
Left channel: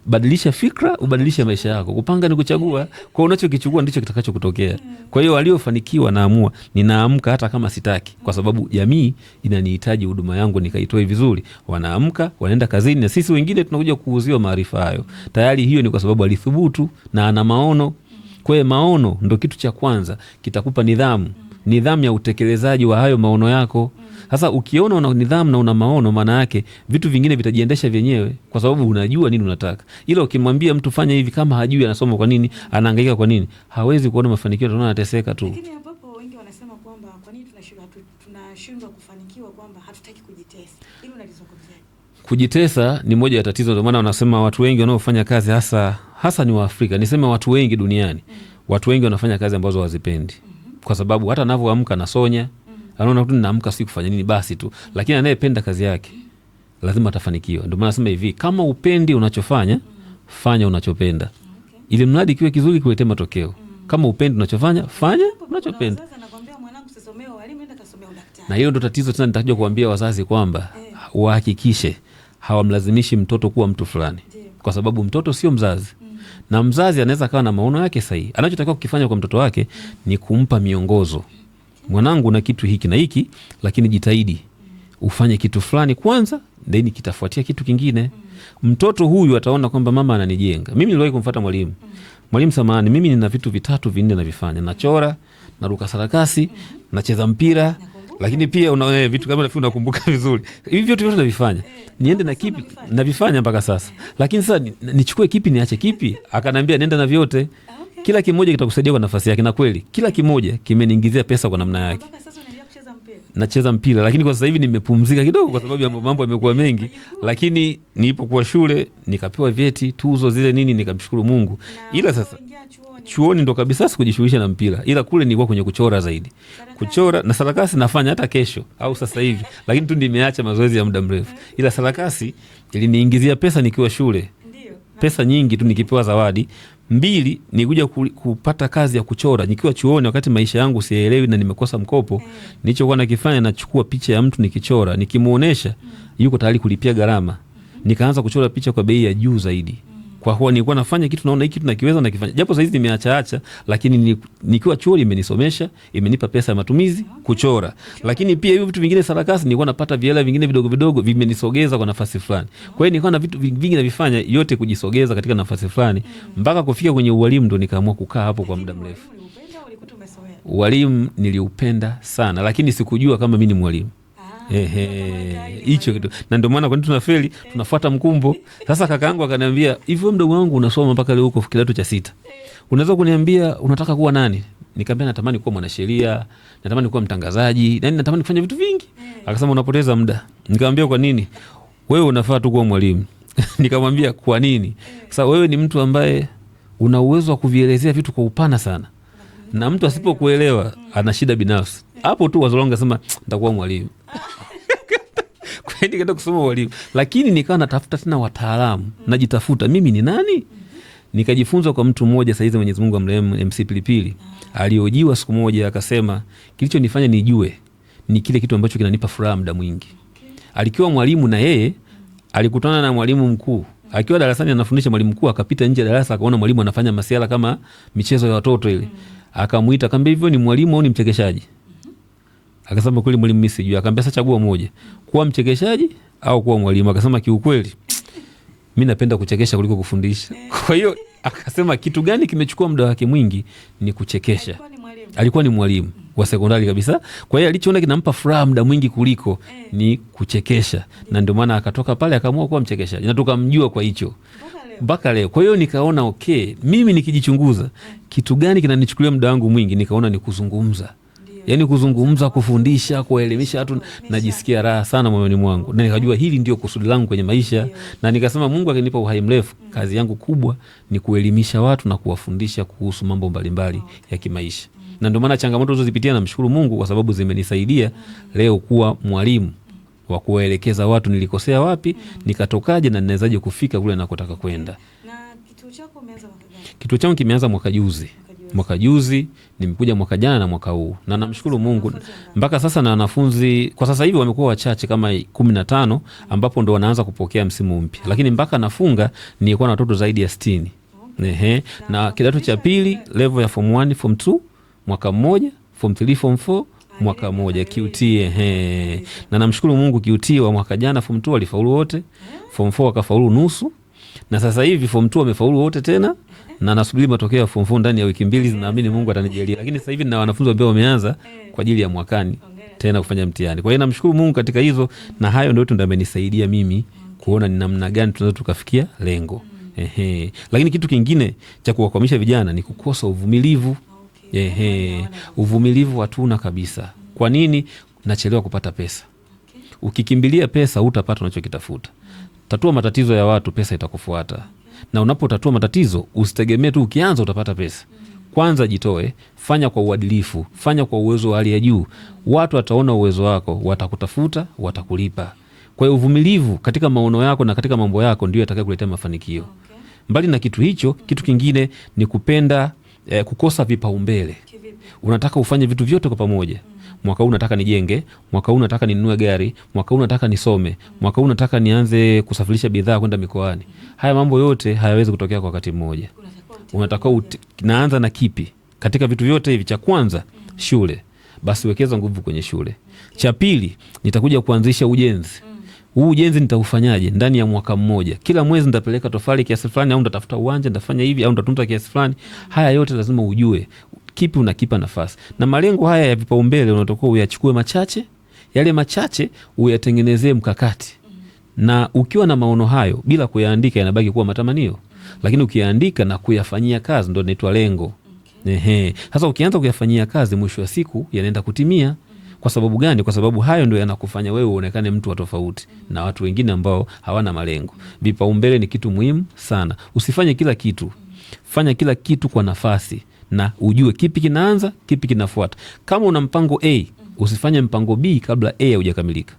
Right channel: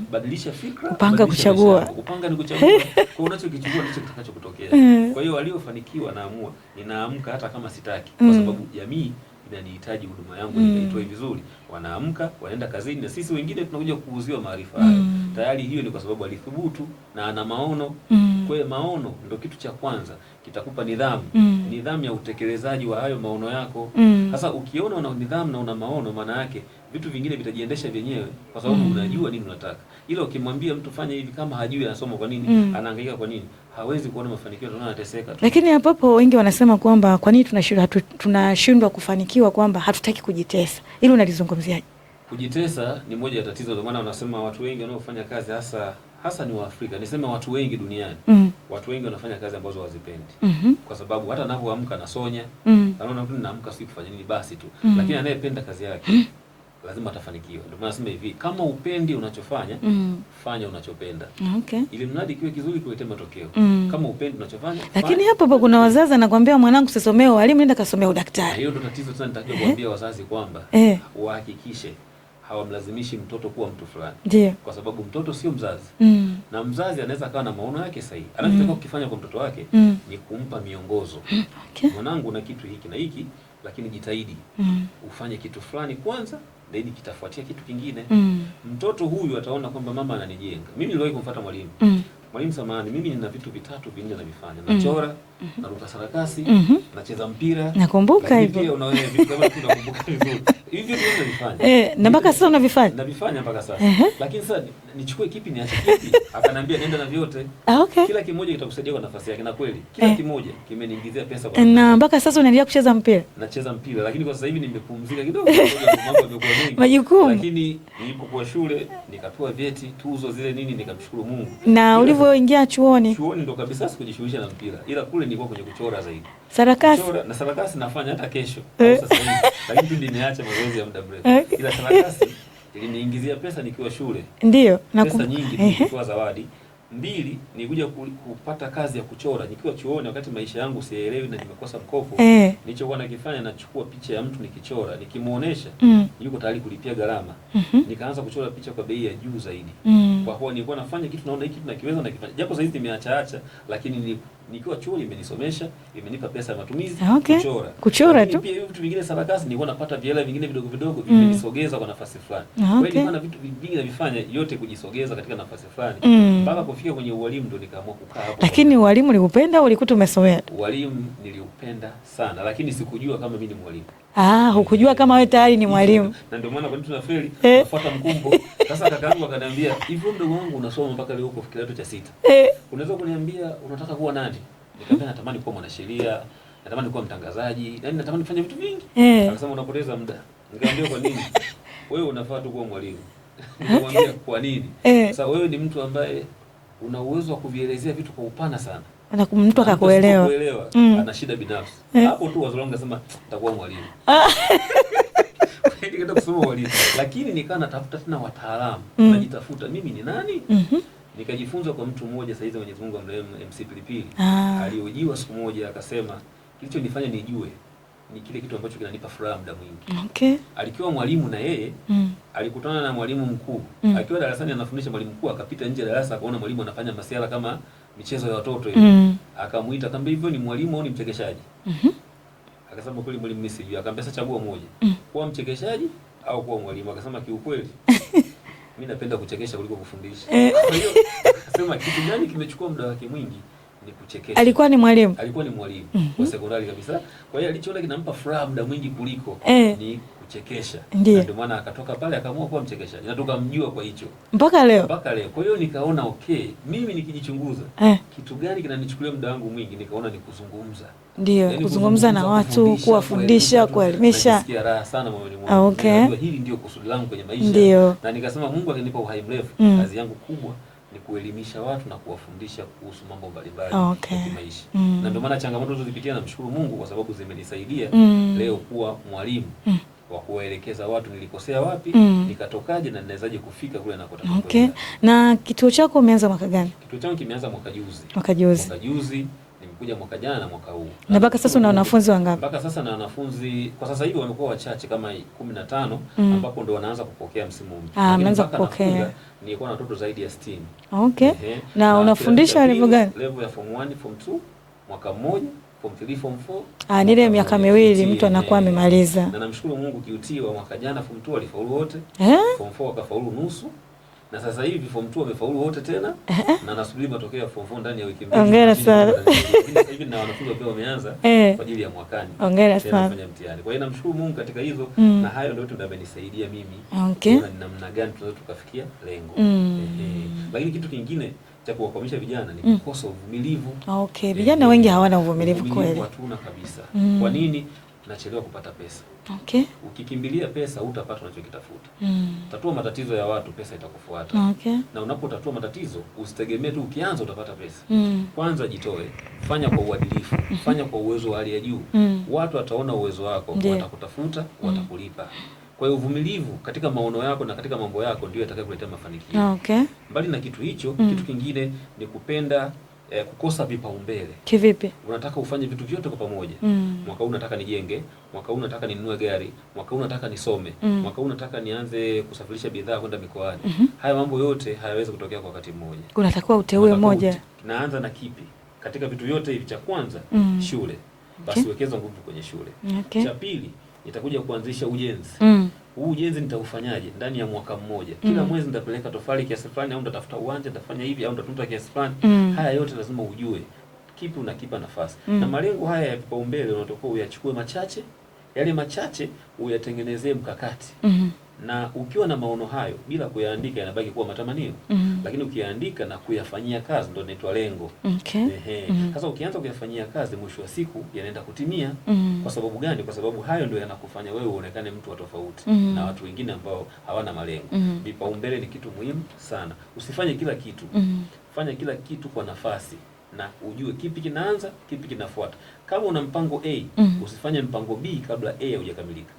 Badilisha fikra, badilisha maisha yako. Kupanga ni kuchagua. Kwa unachokichukua ndicho kitakacho kutokea. Kwa hiyo waliofanikiwa naamua, ninaamka hata kama sitaki, kwa sababu jamii inanihitaji huduma yangu nikaitoe vizuri. Wanaamka, wanaenda kazini, na sisi wengine tunakuja kuuziwa maarifa hayo. Tayari hiyo ni kwa sababu alithubutu na ana maono. Kwa hiyo maono ndio kitu cha kwanza kitakupa nidhamu. Nidhamu ya utekelezaji wa hayo maono yako. Sasa ukiona una nidhamu na una maono, maana yake vitu vingine vitajiendesha vyenyewe, kwa sababu unajua nini unataka. Ila ukimwambia mtu fanya hivi, kama hajui anasoma kwa nini, anahangaika kwa nini, hawezi kuona mafanikio, ndio anateseka tu. Lakini hapo wengi wanasema kwamba kwa nini tunashindwa kufanikiwa, kwamba hatutaki kujitesa. Hilo unalizungumziaje? Kujitesa ni moja ya tatizo, ndio maana wanasema watu wengi wanaofanya kazi hasa ni Waafrika, niseme watu wengi duniani, watu wengi wanafanya kazi ambazo hawazipendi. Kwa sababu hata anavyoamka nasonya, anaona tu ninaamka si kufanya nini basi tu. Lakini anayependa kazi yake lazima atafanikiwa. Ndio maana nasema hivi, kama upendi unachofanya, fanya unachopenda. Ili mradi kiwe kizuri, kuletee matokeo. Kama upendi unachofanya, fanya. Lakini hapo kuna wazazi anakuambia, mwanangu sisomee walimu, nenda kasomee udaktari. Na hiyo ndio tatizo tena, nitakuja kuambia wazazi kwamba wahakikishe hawamlazimishi mtoto kuwa mtu fulani. Kwa sababu mtoto sio mzazi. Na mzazi anaweza kawa na maono yake sahihi. Anachotakiwa kukifanya kwa mtoto wake ni kumpa miongozo. Mwanangu, na kitu hiki na hiki, lakini jitahidi ufanye kitu fulani kwanza, then kitafuatia kitu kingine. Mtoto huyu ataona kwamba mama ananijenga. Mimi niliwahi kumfuata mwalimu. Mwalimu, samahani, mimi nina vitu 3-4 navifanya. Nachora, naruka sarakasi, nacheza mpira. Nakumbuka. Lakini pia una vitu kama hivi unakumbuka vizuri. Hivi vyote navifanya. Na mpaka sasa unavifanya? Navifanya mpaka sasa. Lakini sasa nichukue kipi niache kipi? Akanambia nenda na vyote. Kila kimoja kitakusaidia kwa nafasi yake, na kweli kila kimoja kimeniingizia pesa kwa namna yake. Na mpaka sasa unaendelea kucheza mpira? Nacheza mpira, lakini kwa sasa hivi nimepumzika kidogo kwa sababu mambo yamekuwa mengi. Majukumu. Lakini nilipokuwa shule nikapewa vyeti, tuzo zile nini, nikamshukuru Mungu. Na ulivyoingia chuoni ndo kabisa sikujishughulisha na mpira, ila kule nilikuwa kwenye kuchora zaidi. Sarakasi. Kuchora na sarakasi nafanya hata kesho au sasa hivi, lakini tu nimeacha mazoezi ya muda mrefu. Ila sarakasi iliniingizia pesa nikiwa shule. Ndio. Pesa nyingi tu, nikipewa zawadi. 2, nikuja kupata kazi ya kuchora nikiwa chuoni, wakati maisha yangu sielewi na nimekosa mkopo. Nilichokuwa nakifanya, nachukua picha ya mtu nikichora, nikimuonesha yuko tayari kulipia gharama. Nikaanza kuchora picha kwa bei ya juu zaidi. Kwa kuwa nilikuwa nafanya kitu, naona hiki kitu nakiweza, nakifanya. Japo sasa hivi nimeacha, lakini nikiwa chuoni imenisomesha, imenipa pesa ya matumizi. Kuchora. Lakini pia hiyo vitu vingine, sarakasi, nilikuwa napata viela vingine vidogo vidogo, vimenisogeza kwa nafasi fulani. Kwa hiyo nilikuwa na vitu vingi navifanya, yote kujisogeza katika nafasi fulani, mpaka kufika kwenye ualimu ndo nikaamua kukaa hapo. Lakini ualimu uliupenda au ulikuta umesomea? Ualimu niliupenda sana, lakini sikujua kama mimi ni mwalimu. Hukujua kama wewe tayari ni mwalimu. Na ndio maana kwa nini tunafeli, tunafuata mkumbo. Sasa kakaangu akaniambia, "Hivyo mdogo wangu unasoma mpaka leo uko kidato cha 6. Unaweza kuniambia unataka kuwa nani?" Nikamwambia natamani kuwa mwanasheria, natamani kuwa mtangazaji, na natamani kufanya vitu vingi. Akasema unapoteza muda. Nikamwambia kwa nini? Wewe unafaa tu kuwa mwalimu. Nikamwambia kwa nini? Sasa wewe ni mtu ambaye una uwezo wa kuvielezea vitu kwa upana sana. Na mtu asipokuelewa ana shida binafsi. Hapo tu wazo langu nasema nitakuwa mwalimu. Nikaenda kusoma walimu. Lakini nikawa natafuta tena wataalamu, najitafuta mimi ni nani? Nikajifunza kwa mtu mmoja, saizi Mwenyezi Mungu amrehemu, MC Pilipili. Aliojiwa siku moja akasema, kilichonifanya nijue ni kile kitu ambacho kinanipa furaha muda mwingi. Alikuwa mwalimu na yeye alikutana na mwalimu mkuu. Akiwa darasani anafundisha, mwalimu mkuu akapita nje ya darasa, akaona mwalimu anafanya masuala kama michezo ya watoto ile. Akamuita, akamwambia, hivyo ni mwalimu au ni mchekeshaji? Akasema kweli mwalimu, mimi sijui. Akamwambia sasa chagua moja, kuwa mchekeshaji au kuwa mwalimu. Akasema kiukweli mimi napenda kuchekesha kuliko kufundisha. Kwa hiyo akasema kitu gani kimechukua muda wake mwingi ni kuchekesha. Alikuwa ni mwalimu wa sekondari kabisa. Kwa hiyo alichoona kinampa furaha muda mwingi kuliko ni kuchekesha. Na ndio maana akatoka pale akaamua kuwa mchekeshaji. Na tukamjua kwa hicho mpaka leo. Kwa hiyo nikaona mimi nikijichunguza kitu gani kinanichukulia muda wangu mwingi, nikaona ni kuzungumza. Yaani kuzungumza, kufundisha, kuelimisha, najisikia raha sana moyoni mwangu. Na nikajua hili ndio kusudi langu kwenye maisha. Na nikasema Mungu akinipa uhai mrefu, kazi yangu kubwa ni kuelimisha watu na kuwafundisha kuhusu mambo mbalimbali ya kimaisha. Na ndio maana changamoto zozipitia namshukuru Mungu kwa sababu zimenisaidia leo kuwa mwalimu wa kuwaelekeza watu nilikosea wapi, nikatokaje na ninawezaje kufika kule nakotaka kwenda. Na kituo chako umeanza mwaka gani? Kituo changu kimeanza mwaka juzi. Nimekuja mwaka jana na mwaka huu. Na mpaka sasa una wanafunzi wangapi? Mpaka sasa na wanafunzi kwa sasa hivi wamekuwa wachache kama 15 ambapo ndo wanaanza kupokea msimu mpya. Lakini mpaka nafunga nilikuwa na watoto zaidi ya 60. Okay. Na kidato cha pili level ya form 1, form 2 mwaka mmoja, form 3, form 4 ile miaka miwili mtu anakuwa amemaliza. Na namshukuru Mungu QT wa mwaka jana form 2 walifaulu wote. Form 4 wakafaulu nusu. Na sasa hivi form 2 wamefaulu wote tena na nasubiri matokeo ya form 4 ndani ya wiki mbili, naamini Mungu atanijalia. Lakini sasa hivi na wanafunzi ambao wameanza kwa ajili ya mwakani tena kufanya mtihani. Kwa hiyo namshukuru Mungu katika hizo na hayo ndio amenisaidia mimi kuona ni namna gani tunaweza tukafikia lengo. Lakini kitu kingine cha kuwakwamisha vijana ni kukosa uvumilivu. Vijana wengi hawana uvumilivu, hatuna kabisa. Kwa nini? Nachelewa kupata pesa. Ukikimbilia pesa hutapata unachokitafuta. Tatua matatizo ya watu, pesa itakufuata. Na unapotatua matatizo usitegemee tu ukianza utapata pesa. Kwanza jitoe, fanya kwa uadilifu, fanya kwa uwezo wa hali ya juu. Watu wataona uwezo wako, watakutafuta, watakulipa. Kwa hiyo uvumilivu katika maono yako na katika mambo yako ndio yatakayokuletea mafanikio. Mbali na kitu hicho, kitu kingine ni kupenda kukosa vipaumbele. Kivipi? Unataka ufanye vitu vyote kwa pamoja. Mwaka huu nataka nijenge, mwaka huu nataka ninunue gari, mwaka huu nataka nisome, mwaka huu nataka nianze kusafirisha bidhaa kwenda mikoani. Haya mambo yote hayawezi kutokea kwa wakati mmoja. Unatakiwa uteue moja. Naanza na kipi? Katika vitu vyote hivi, cha kwanza shule. Basi wekeza nguvu kwenye shule. Cha pili, nitakuja kuanzisha ujenzi. Huu ujenzi nitaufanyaje? Ndani ya mwaka mmoja. Kila mwezi nitapeleka tofali kiasi fulani, au nitatafuta uwanja, nitafanya hivi, au nitatunza kiasi fulani. Haya yote lazima ujue kipi unakipa nafasi. Na malengo haya ya vipaumbele unatakiwa uyachukue machache, yale machache uyatengenezee mkakati. Na ukiwa na maono hayo bila kuyaandika yanabaki kuwa matamanio. Lakini ukiyaandika na kuyafanyia kazi ndio inaitwa lengo. Sasa ukianza kuyafanyia kazi, mwisho wa siku yanaenda kutimia. Kwa sababu gani? Kwa sababu hayo ndio yanakufanya wewe uonekane mtu wa tofauti na watu wengine ambao hawana malengo. Vipaumbele ni kitu muhimu sana. Usifanye kila kitu. Fanya kila kitu kwa nafasi na ujue kipi kinaanza, kipi kinafuata. Kama una mpango A, usifanye mpango B kabla A haujakamilika.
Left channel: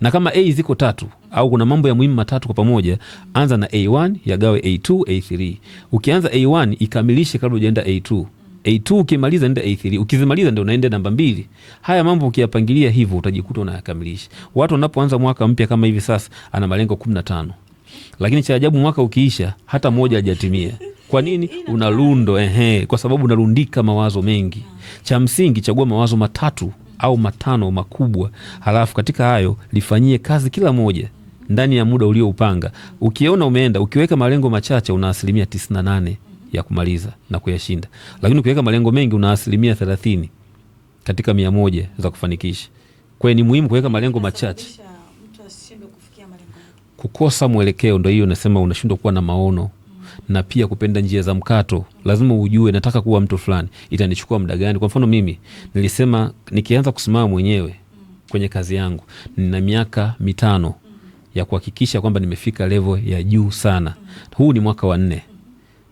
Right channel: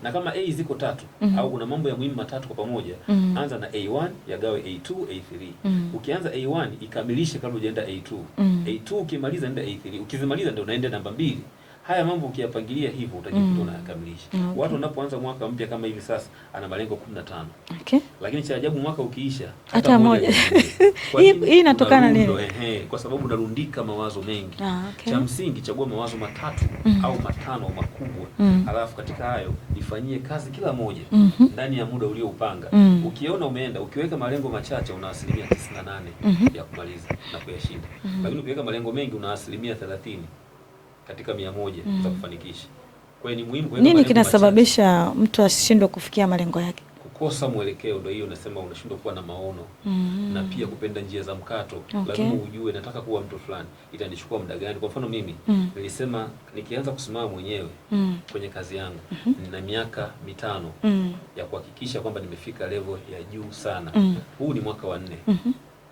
Na kama A ziko 3 au kuna mambo ya muhimu 3 kwa pamoja, anza na A1, yagawe A2, A3. Ukianza A1 ikamilishe kabla hujaenda A2. A2 ukimaliza nenda A3. Ukizimaliza ndio unaenda namba 2. Haya mambo ukiyapangilia hivyo utajikuta unayakamilisha. Watu wanapoanza mwaka mpya kama hivi sasa ana malengo 15. Lakini cha ajabu mwaka ukiisha hata moja hajatimia. Kwa nini? Unarundo. Kwa sababu unarundika mawazo mengi. Cha msingi chagua mawazo 3 au 5 makubwa. Halafu katika hayo lifanyie kazi kila moja ndani ya muda ulioupanga. Ukiona umeenda, ukiweka malengo machache una asilimia 98 ya kumaliza na kuyashinda. Lakini ukiweka malengo mengi una asilimia 30 katika 100 za kufanikisha. Kwa hiyo ni muhimu kuweka malengo machache. Nini kinasababisha mtu ashindwe kufikia malengo yake? Kukosa mwelekeo, ndio hiyo nasema unashindwa kuwa na maono. Na pia kupenda njia za mkato. Lazima ujue nataka kuwa mtu fulani, itanichukua muda gani? Kwa mfano mimi nilisema nikianza kusimama mwenyewe kwenye kazi yangu nina miaka 5 ya kuhakikisha kwamba nimefika level ya juu sana. Huu ni mwaka wa 4.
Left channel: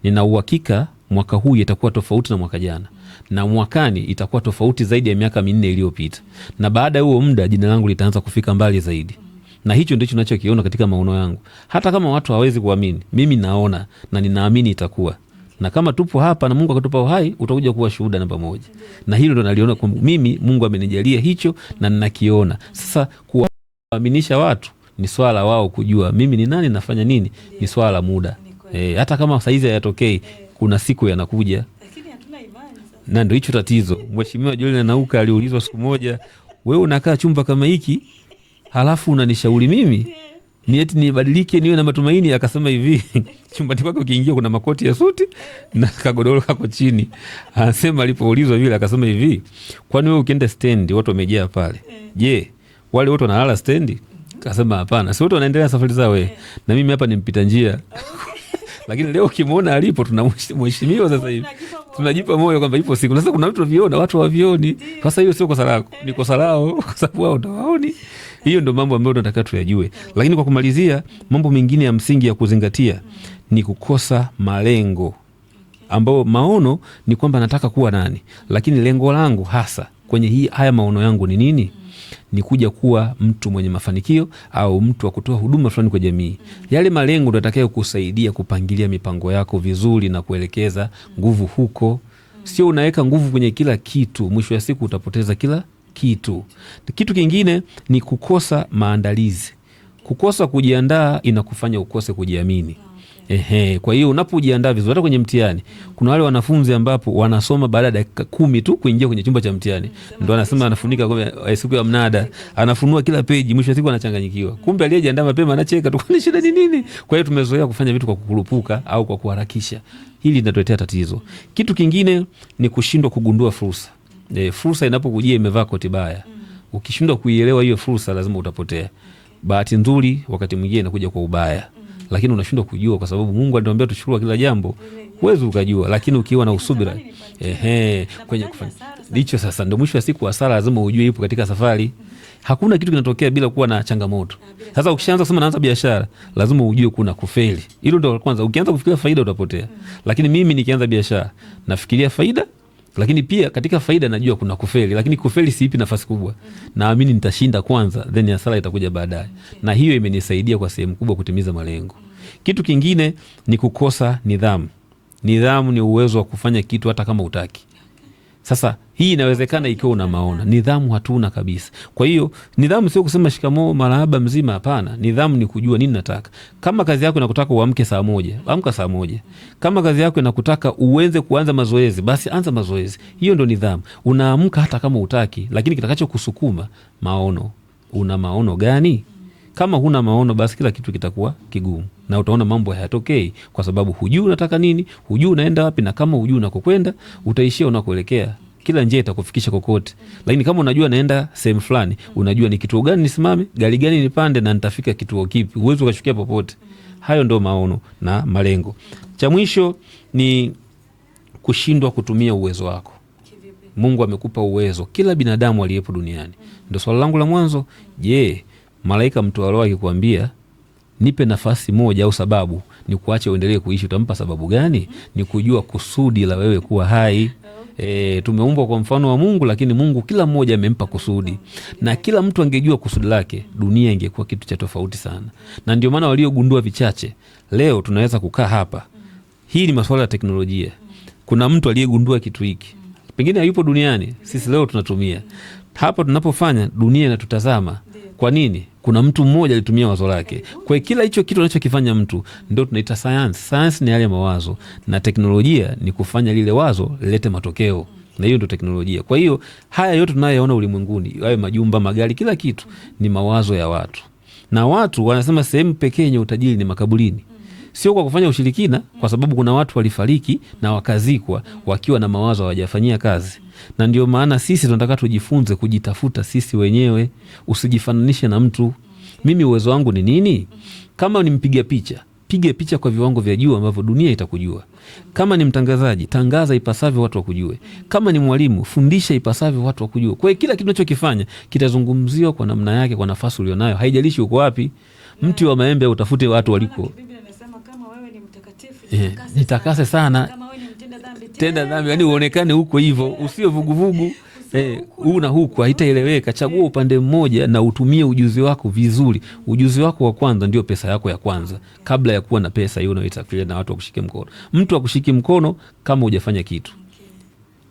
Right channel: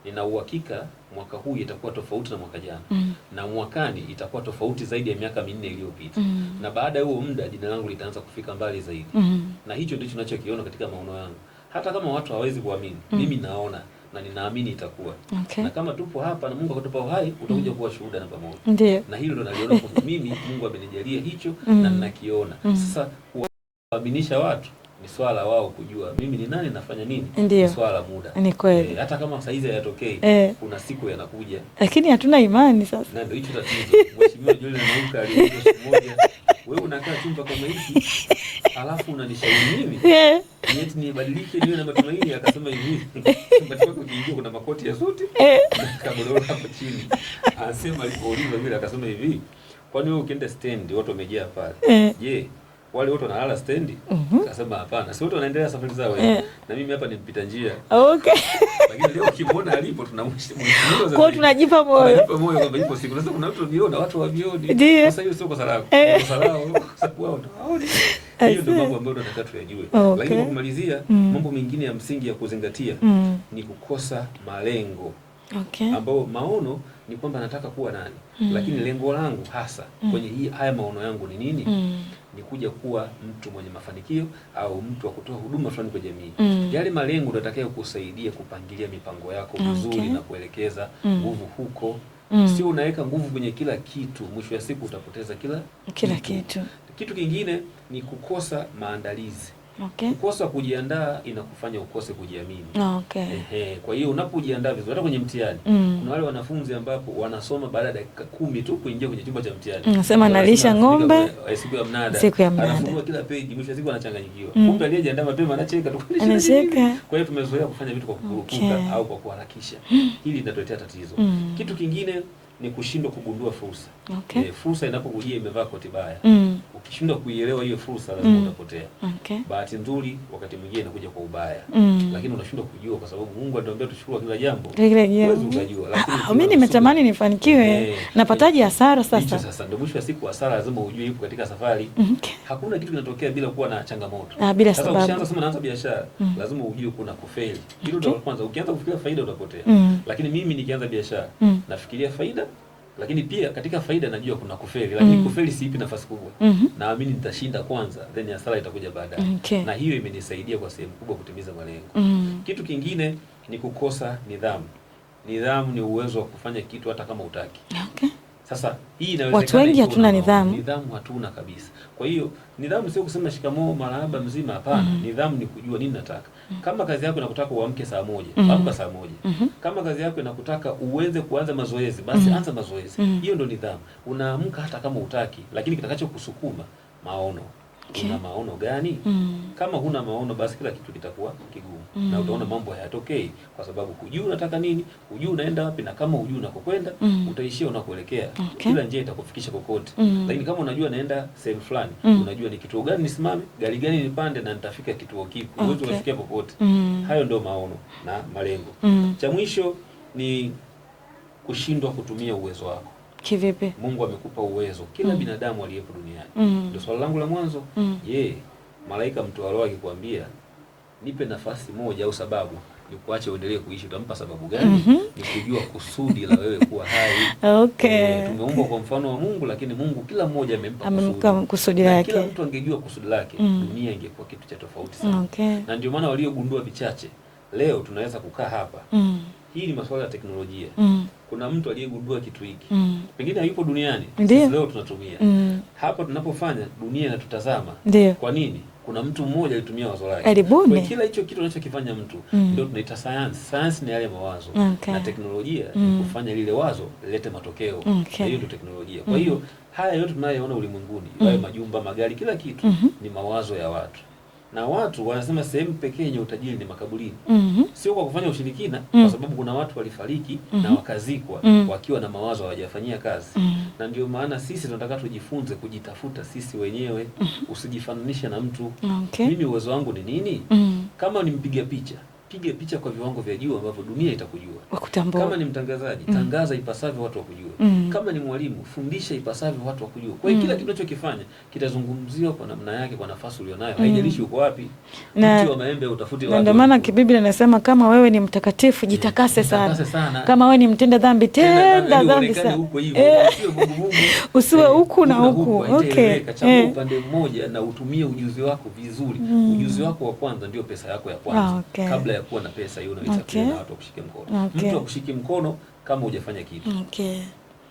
Nina uhakika mwaka huu itakuwa tofauti na mwaka jana. Na mwakani itakuwa tofauti zaidi ya miaka 4 iliyopita. Na baada ya huo muda jina langu litaanza kufika mbali zaidi. Na hicho ndicho ninachokiona katika maono yangu. Hata kama watu hawawezi kuamini, mimi naona na ninaamini itakuwa. Na kama tupo hapa na Mungu akatupa uhai, utakuja kuwa shuhuda namba 1. Na hilo ndo naliona kwa mimi, Mungu amenijalia hicho na ninakiona. Sasa kuwaaminisha watu ni swala wao kujua mimi ni nani, nafanya nini. Ni swala la muda. Hata kama saizi hayatokei, kuna siku yanakuja. Lakini hatuna imani sasa. Na ndio hicho tatizo. Mheshimiwa Julian Nauka aliulizwa siku moja, wewe unakaa chumba kama hiki halafu unanishauri mimi ni eti nibadilike niwe na matumaini? Akasema hivi, chumbani kwako ukiingia kuna makoti ya suti na kagodoro hapo chini. Anasema alipoulizwa vile akasema hivi, kwani wewe ukienda stendi watu wamejaa pale, je, wale wote wanalala stendi? Kasema hapana, si wote wanaendelea safari zao. Na mimi hapa ni mpita njia. Lakini leo ukimwona alipo tunamheshimiwa sasa hivi. Tunajipa moyo kwamba ipo siku. Sasa kuna watu viona, watu hawavioni. Sasa hiyo sio kosa lako. Ni kosa lao kwa sababu wao ndio waoni. Hiyo ndio mambo ambayo tunataka tuyajue. Lakini kwa kumalizia, mambo mengine ya msingi ya kuzingatia ni kukosa malengo. ambao maono ni kwamba nataka kuwa nani, lakini lengo langu hasa kwenye haya maono yangu ni nini? Ni kuja kuwa mtu mwenye mafanikio au mtu wa kutoa huduma fulani kwa jamii. Yale malengo ndio yatakayo kusaidia kupangilia mipango yako vizuri na kuelekeza nguvu huko. Sio unaweka nguvu kwenye kila kitu, mwisho wa siku utapoteza kila kitu. Kitu kingine ni kukosa maandalizi. Kukosa kujiandaa inakufanya ukose kujiamini. Kwa hiyo unapojiandaa vizuri hata kwenye mtihani, kuna wale wanafunzi ambapo wanasoma baada ya dakika 10 tu kuingia kwenye chumba cha mtihani. Anafunika siku ya mnada, anafunua kila peji, mwisho wa siku anachanganyikiwa. Kumbe aliyejiandaa mapema anacheka tu, kwa shida ni nini? Kwa hiyo tumezoea kufanya vitu kwa kukurupuka au kwa kuharakisha. Hili linatuletea tatizo. Kitu kingine ni kushindwa kugundua fursa. Fursa inapokujia imevaa koti baya, ukishindwa kuielewa hiyo fursa lazima utapotea. Bahati nzuri wakati mwingine inakuja kwa ubaya, lakini unashindwa kujua kwa sababu Mungu anatuambia tushukuru kila jambo. Huwezi ukajua, lakini ukiwa na usubira, nifanikiwe, napataje hasara sasa? Hicho sasa ndio mwisho wa siku, hasara lazima ujue ipo katika safari. Hakuna kitu kinatokea bila kuwa na changamoto. Sasa ukishaanza kusema naanza biashara, lazima ujue kuna kufeli. Hilo ndio kwanza. Ukianza kufikiria faida utapotea. Lakini mimi nikianza biashara nafikiria faida, lakini pia katika faida najua kuna kufeli, lakini kufeli siipi nafasi kubwa. Naamini nitashinda kwanza, then hasara itakuja baadaye. Na hiyo imenisaidia kwa sehemu kubwa kutimiza malengo. Kitu kingine ni kukosa nidhamu. Nidhamu ni uwezo wa kufanya kitu hata kama utaki. Sasa hii inawezekana ikiwa una maono. Nidhamu hatuna kabisa. Kwa hiyo nidhamu sio kusema shikamoo marahaba mzima, hapana. Nidhamu ni kujua nini nataka. Kama kazi yako inakutaka uamke saa 1, amka saa 1. Kama kazi yako inakutaka uanze kuanza mazoezi, basi anza mazoezi. Hiyo ndio nidhamu. Unaamka hata kama utaki, lakini kitakacho kusukuma maono. Una maono gani? Kama huna maono, basi kila kitu kitakuwa kigumu na utaona mambo hayatokei, kwa sababu hujui unataka nini, hujui unaenda wapi, na kama hujui unakokwenda utaishia unakoelekea. Kila njia itakufikisha kokote. Lakini kama unajua naenda sehemu fulani, unajua ni kituo gani nisimame, gari gani nipande, na nitafika kituo kipi, uwezo ukashukia popote. Hayo ndio maono na malengo. Cha mwisho ni kushindwa kutumia uwezo wako. Kivipi? Mungu amekupa uwezo, kila binadamu aliyepo duniani. Ndio swali langu la mwanzo. Je, malaika mtu wa roho akikwambia nipe nafasi moja au sababu ni kuache uendelee kuishi, utampa sababu gani? Ni kujua kusudi la wewe kuwa hai. Tumeumbwa kwa mfano wa Mungu, lakini Mungu kila mmoja amempa kusudi. Na kila mtu angejua kusudi lake, dunia ingekuwa kitu cha tofauti sana. Na ndio maana waliogundua vichache leo tunaweza kukaa hapa. Hii ni masuala ya teknolojia. Kuna mtu aliyegundua kitu hiki, pengine hayupo duniani. Sisi leo tunatumia hapa tunapofanya, dunia inatutazama. Kwa nini? Kuna mtu mmoja alitumia wazo lake. Kwa kila hicho kitu anachokifanya mtu ndio tunaita sayansi. Sayansi ni yale mawazo, na teknolojia ni kufanya lile wazo lilete matokeo. Na hiyo ndio teknolojia. Kwa hiyo haya yote tunayoona ulimwenguni, yawe majumba, magari, kila kitu ni mawazo ya watu. Na watu wanasema sehemu pekee yenye utajiri ni makaburini. Sio kwa kufanya ushirikina, kwa sababu kuna watu walifariki na wakazikwa wakiwa na mawazo hawajafanyia kazi. Na ndio maana sisi tunataka tujifunze kujitafuta sisi wenyewe. Usijifananishe na mtu. Mimi uwezo wangu ni nini? Kama ni mpiga picha, piga picha kwa viwango vya juu ambavyo dunia itakujua. Kama ni mtangazaji, tangaza ipasavyo watu wakujue. Kama ni mwalimu, fundisha ipasavyo watu wakujue. Kwa hiyo kila kitu unachokifanya kitazungumziwa kwa namna yake, kwa nafasi ulionayo. Haijalishi uko wapi. Mti wa maembe utafute watu walipo. Ndio maana Biblia inasema kama wewe ni mtakatifu, jitakase sana. Kama wewe ni mtenda dhambi, tenda dhambi, uonekane huko hivyo. Usiwe vuguvugu. Usiwe huku na huku. Haitaeleweka. Chagua upande mmoja na utumie ujuzi wako vizuri. Ujuzi wako wa kwanza ndio pesa yako ya kwanza. Kabla ya kuwa na pesa hiyo unaita kile na watu wakushike mkono. Mtu akushiki mkono kama hujafanya kitu.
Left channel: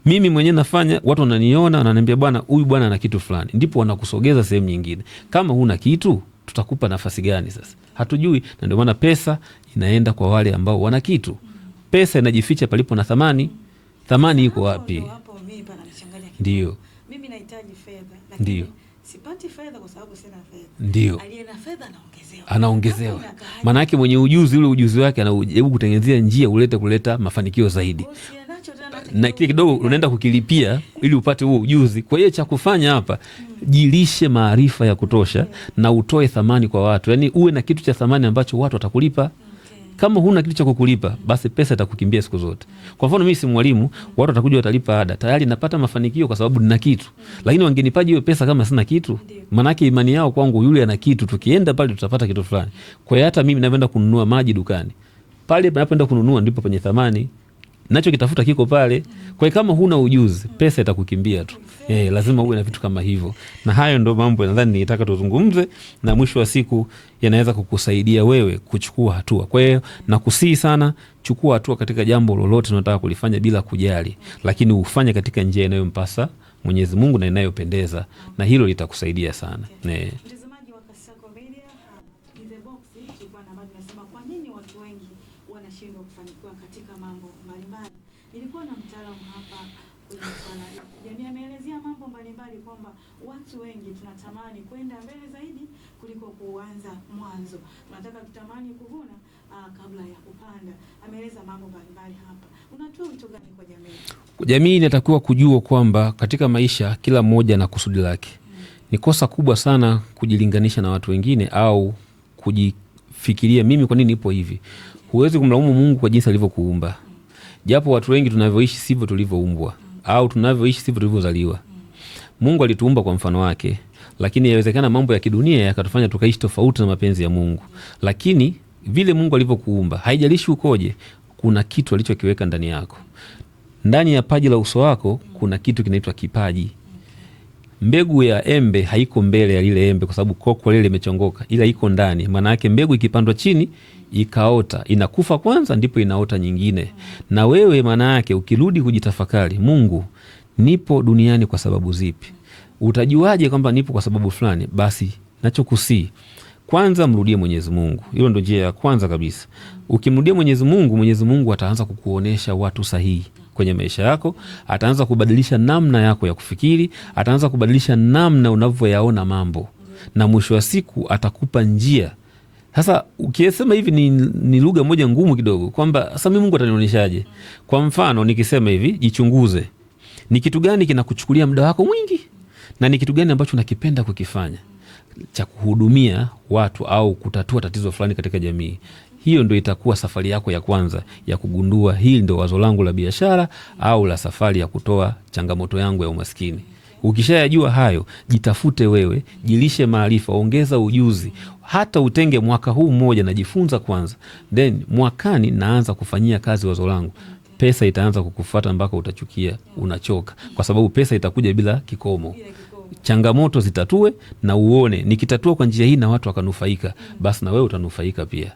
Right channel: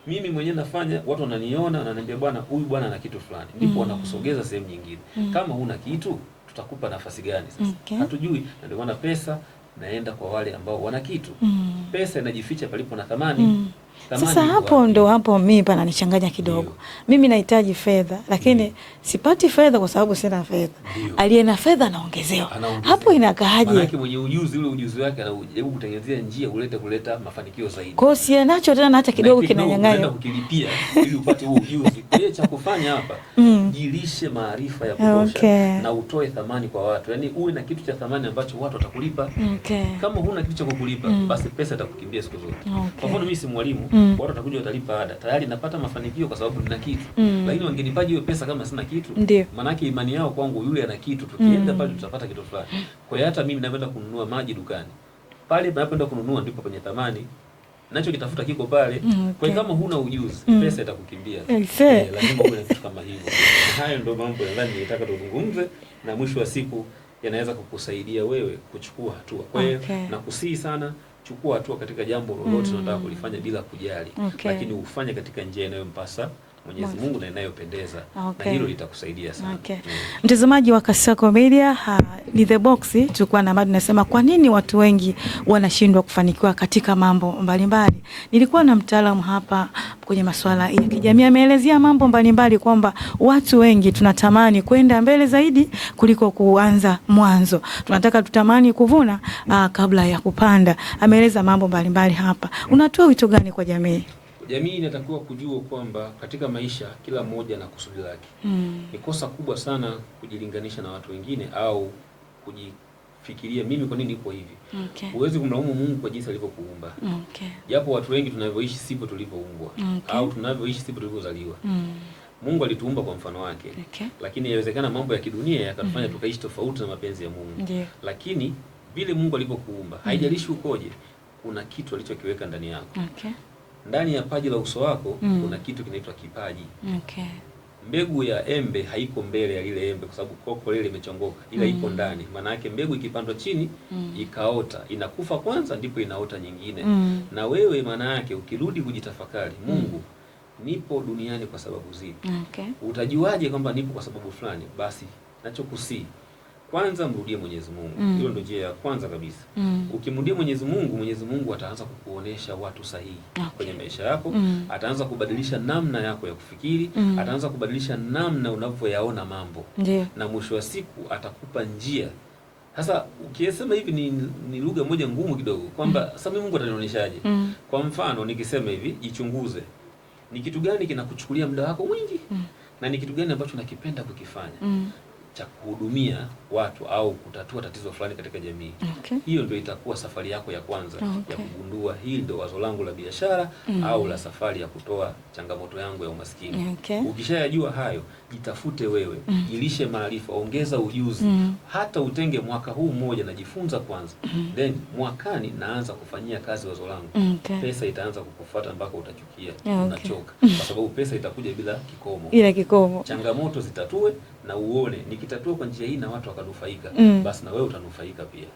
Mimi mwenyewe nafanya, watu wananiona, wananiambia bwana, huyu bwana ana kitu fulani. Ndipo wanakusogeza sehemu nyingine. Kama huna kitu, tutakupa nafasi gani sasa? Hatujui. Na ndio maana pesa inaenda kwa wale ambao wana kitu. Pesa inajificha palipo na thamani. Thamani iko wapi? Ndo hapo mimi pana nichanganya kidogo. Mimi nahitaji fedha, lakini sipati fedha kwa sababu sina fedha. Aliye na fedha anaongezewa. Hapo inakaaje? Maana yake mwenye ujuzi, ule ujuzi wake anajaribu kutengenezea njia kuleta mafanikio zaidi. Kwa hiyo si nacho tena hata kidogo unaenda kukilipia ili upate huo ujuzi. Kwa hiyo cha kufanya hapa, jilishe maarifa ya kutosha na utoe thamani kwa watu. Yaani uwe na kitu cha thamani ambacho watu watakulipa. Kama huna kitu cha kukulipa, basi pesa itakukimbia siku zote. Kwa mfano mimi si mwalimu, watu watakuja watalipa ada. Tayari napata mafanikio kwa sababu nina kitu. Lakini wangenipaje hiyo pesa kama sina kitu? Manake imani yao kwangu, yule ana kitu, tukienda pale tutapata kitu fulani. Kwa hiyo hata mimi naenda kununua maji dukani, pale napoenda kununua ndipo penye thamani. nacho kitafuta kiko pale. Kwa hiyo kama huna ujuzi, pesa itakukimbia tu. Lazima uwe na vitu kama hivyo. Na hayo ndo mambo nadhani nilitaka tuzungumze, na mwisho wa siku yanaweza kukusaidia wewe kuchukua hatua. Kwa hiyo nakusihi sana, chukua hatua katika jambo lolote unataka kulifanya bila kujali, lakini ufanye katika njia inayompasa Mwenyezi Mungu na inayopendeza, na hilo litakusaidia sana. Mtazamaji wa Kasako Media, ni The Box, tulikuwa na mada nasema kwa nini watu wengi wanashindwa kufanikiwa katika mambo mbalimbali. Nilikuwa na mtaalamu hapa kwenye masuala ya kijamii, ameelezea mambo mbalimbali kwamba watu wengi tunatamani kwenda mbele zaidi kuliko kuanza mwanzo. Tunataka tutamani kuvuna kabla ya kupanda. Ameeleza mambo mbalimbali hapa. Unatoa wito gani kwa jamii? Jamii inatakiwa kujua kwamba katika maisha kila mmoja na kusudi lake. Ni kosa kubwa sana kujilinganisha na watu wengine au kujifikiria mimi kwa nini nipo hivi. Huwezi kumlaumu Mungu kwa jinsi alivyokuumba. Japo watu wengi tunavyoishi sivyo tulivyoumbwa, au tunavyoishi sivyo tulivyozaliwa. Mungu alituumba kwa mfano wake, lakini inawezekana mambo ya kidunia yakatufanya tukaishi tofauti na mapenzi ya Mungu. Lakini vile Mungu alivyokuumba, haijalishi ukoje, kuna kitu alichokiweka ndani yako. Ndani ya paji la uso wako kuna kitu kinaitwa kipaji. Mbegu ya embe haiko mbele ya lile embe kwa sababu koko lile limechongoka, ila iko ndani. Maana yake mbegu ikipandwa chini ikaota, inakufa kwanza ndipo inaota nyingine. Na wewe maana yake ukirudi kujitafakari, Mungu, nipo duniani kwa sababu zipi? Utajuaje kwamba nipo kwa sababu fulani? Basi nachokusii, kwanza mrudie Mwenyezi Mungu. Hilo ndio njia ya kwanza kabisa. Ukimrudia Mwenyezi Mungu, Mwenyezi Mungu ataanza kukuonesha watu sahihi kwenye maisha yako. Ataanza kubadilisha namna yako ya kufikiri. Ataanza kubadilisha namna unavyoyaona mambo. Na mwisho wa siku atakupa njia. Sasa ukisema hivi ni lugha moja ngumu kidogo, kwamba sasa mimi Mungu atanionyeshaje? Kwa mfano nikisema hivi, jichunguze. Ni kitu gani kinakuchukulia muda wako mwingi? Na ni kitu gani ambacho unakipenda kukifanya cha kuhudumia watu au kutatua tatizo fulani katika jamii? Hiyo ndio itakuwa safari yako ya kwanza ya kugundua hili ndio wazo langu la biashara au la safari ya kutoa changamoto yangu ya umaskini. Ukishayajua hayo, jitafute wewe, jilishe maarifa, ongeza ujuzi. Hata utenge mwaka huu mmoja najifunza kwanza. Then mwakani naanza kufanyia kazi wazo langu. Pesa itaanza kukufuata mpaka utachukia, unachoka. Kwa sababu pesa itakuja bila kikomo. Changamoto zitatue na uone nikitatua kwa njia hii na watu wakanufaika, basi na wewe utanufaika pia.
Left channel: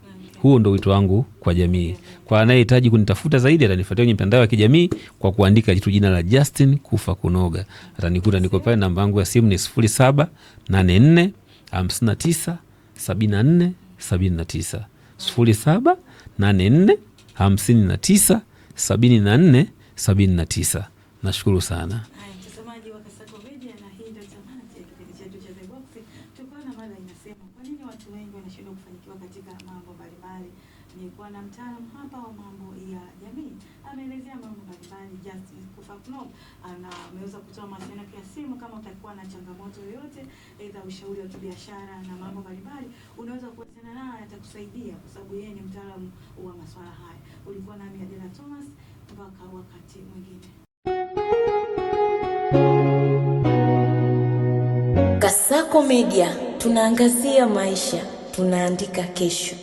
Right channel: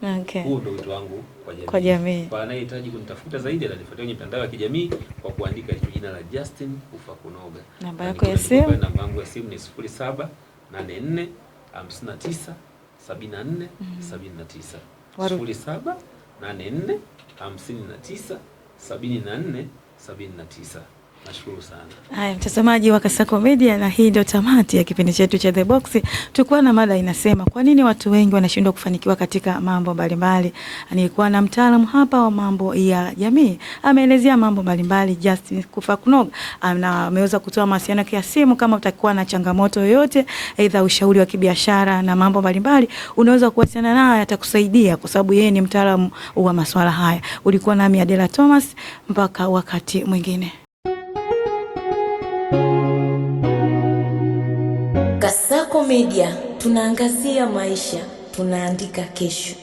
Huo ndio wito wangu kwa jamii. Kwa anayehitaji kunitafuta zaidi, atanifuatia kwenye mitandao ya kijamii kwa kuandika jina la Justin Kufa Kunoga. Atanikuta, niko pale. Namba yangu ya simu ni 0784 59 74 79, 0784 59 74 79. Nashukuru sana. Haya, mtazamaji wa Kasako Media, na hii ndio tamati ya kipindi chetu cha The Box. Tulikuwa na mada inasema kwa nini watu wengi wanashindwa kufanikiwa katika mambo mbalimbali. Nilikuwa na mtaalamu hapa wa mambo ya jamii, ameelezea mambo mbalimbali, Justin Kufa Kunoga, na ameweza kutoa mawasiliano ya simu. Kama utakuwa na changamoto yoyote, aidha ushauri wa kibiashara na mambo mbalimbali, unaweza kuwasiliana naye, atakusaidia kwa sababu yeye ni mtaalamu wa masuala haya. Ulikuwa nami Adela Thomas, mpaka wakati mwingine. Kasako Media, tunaangazia maisha, tunaandika kesho.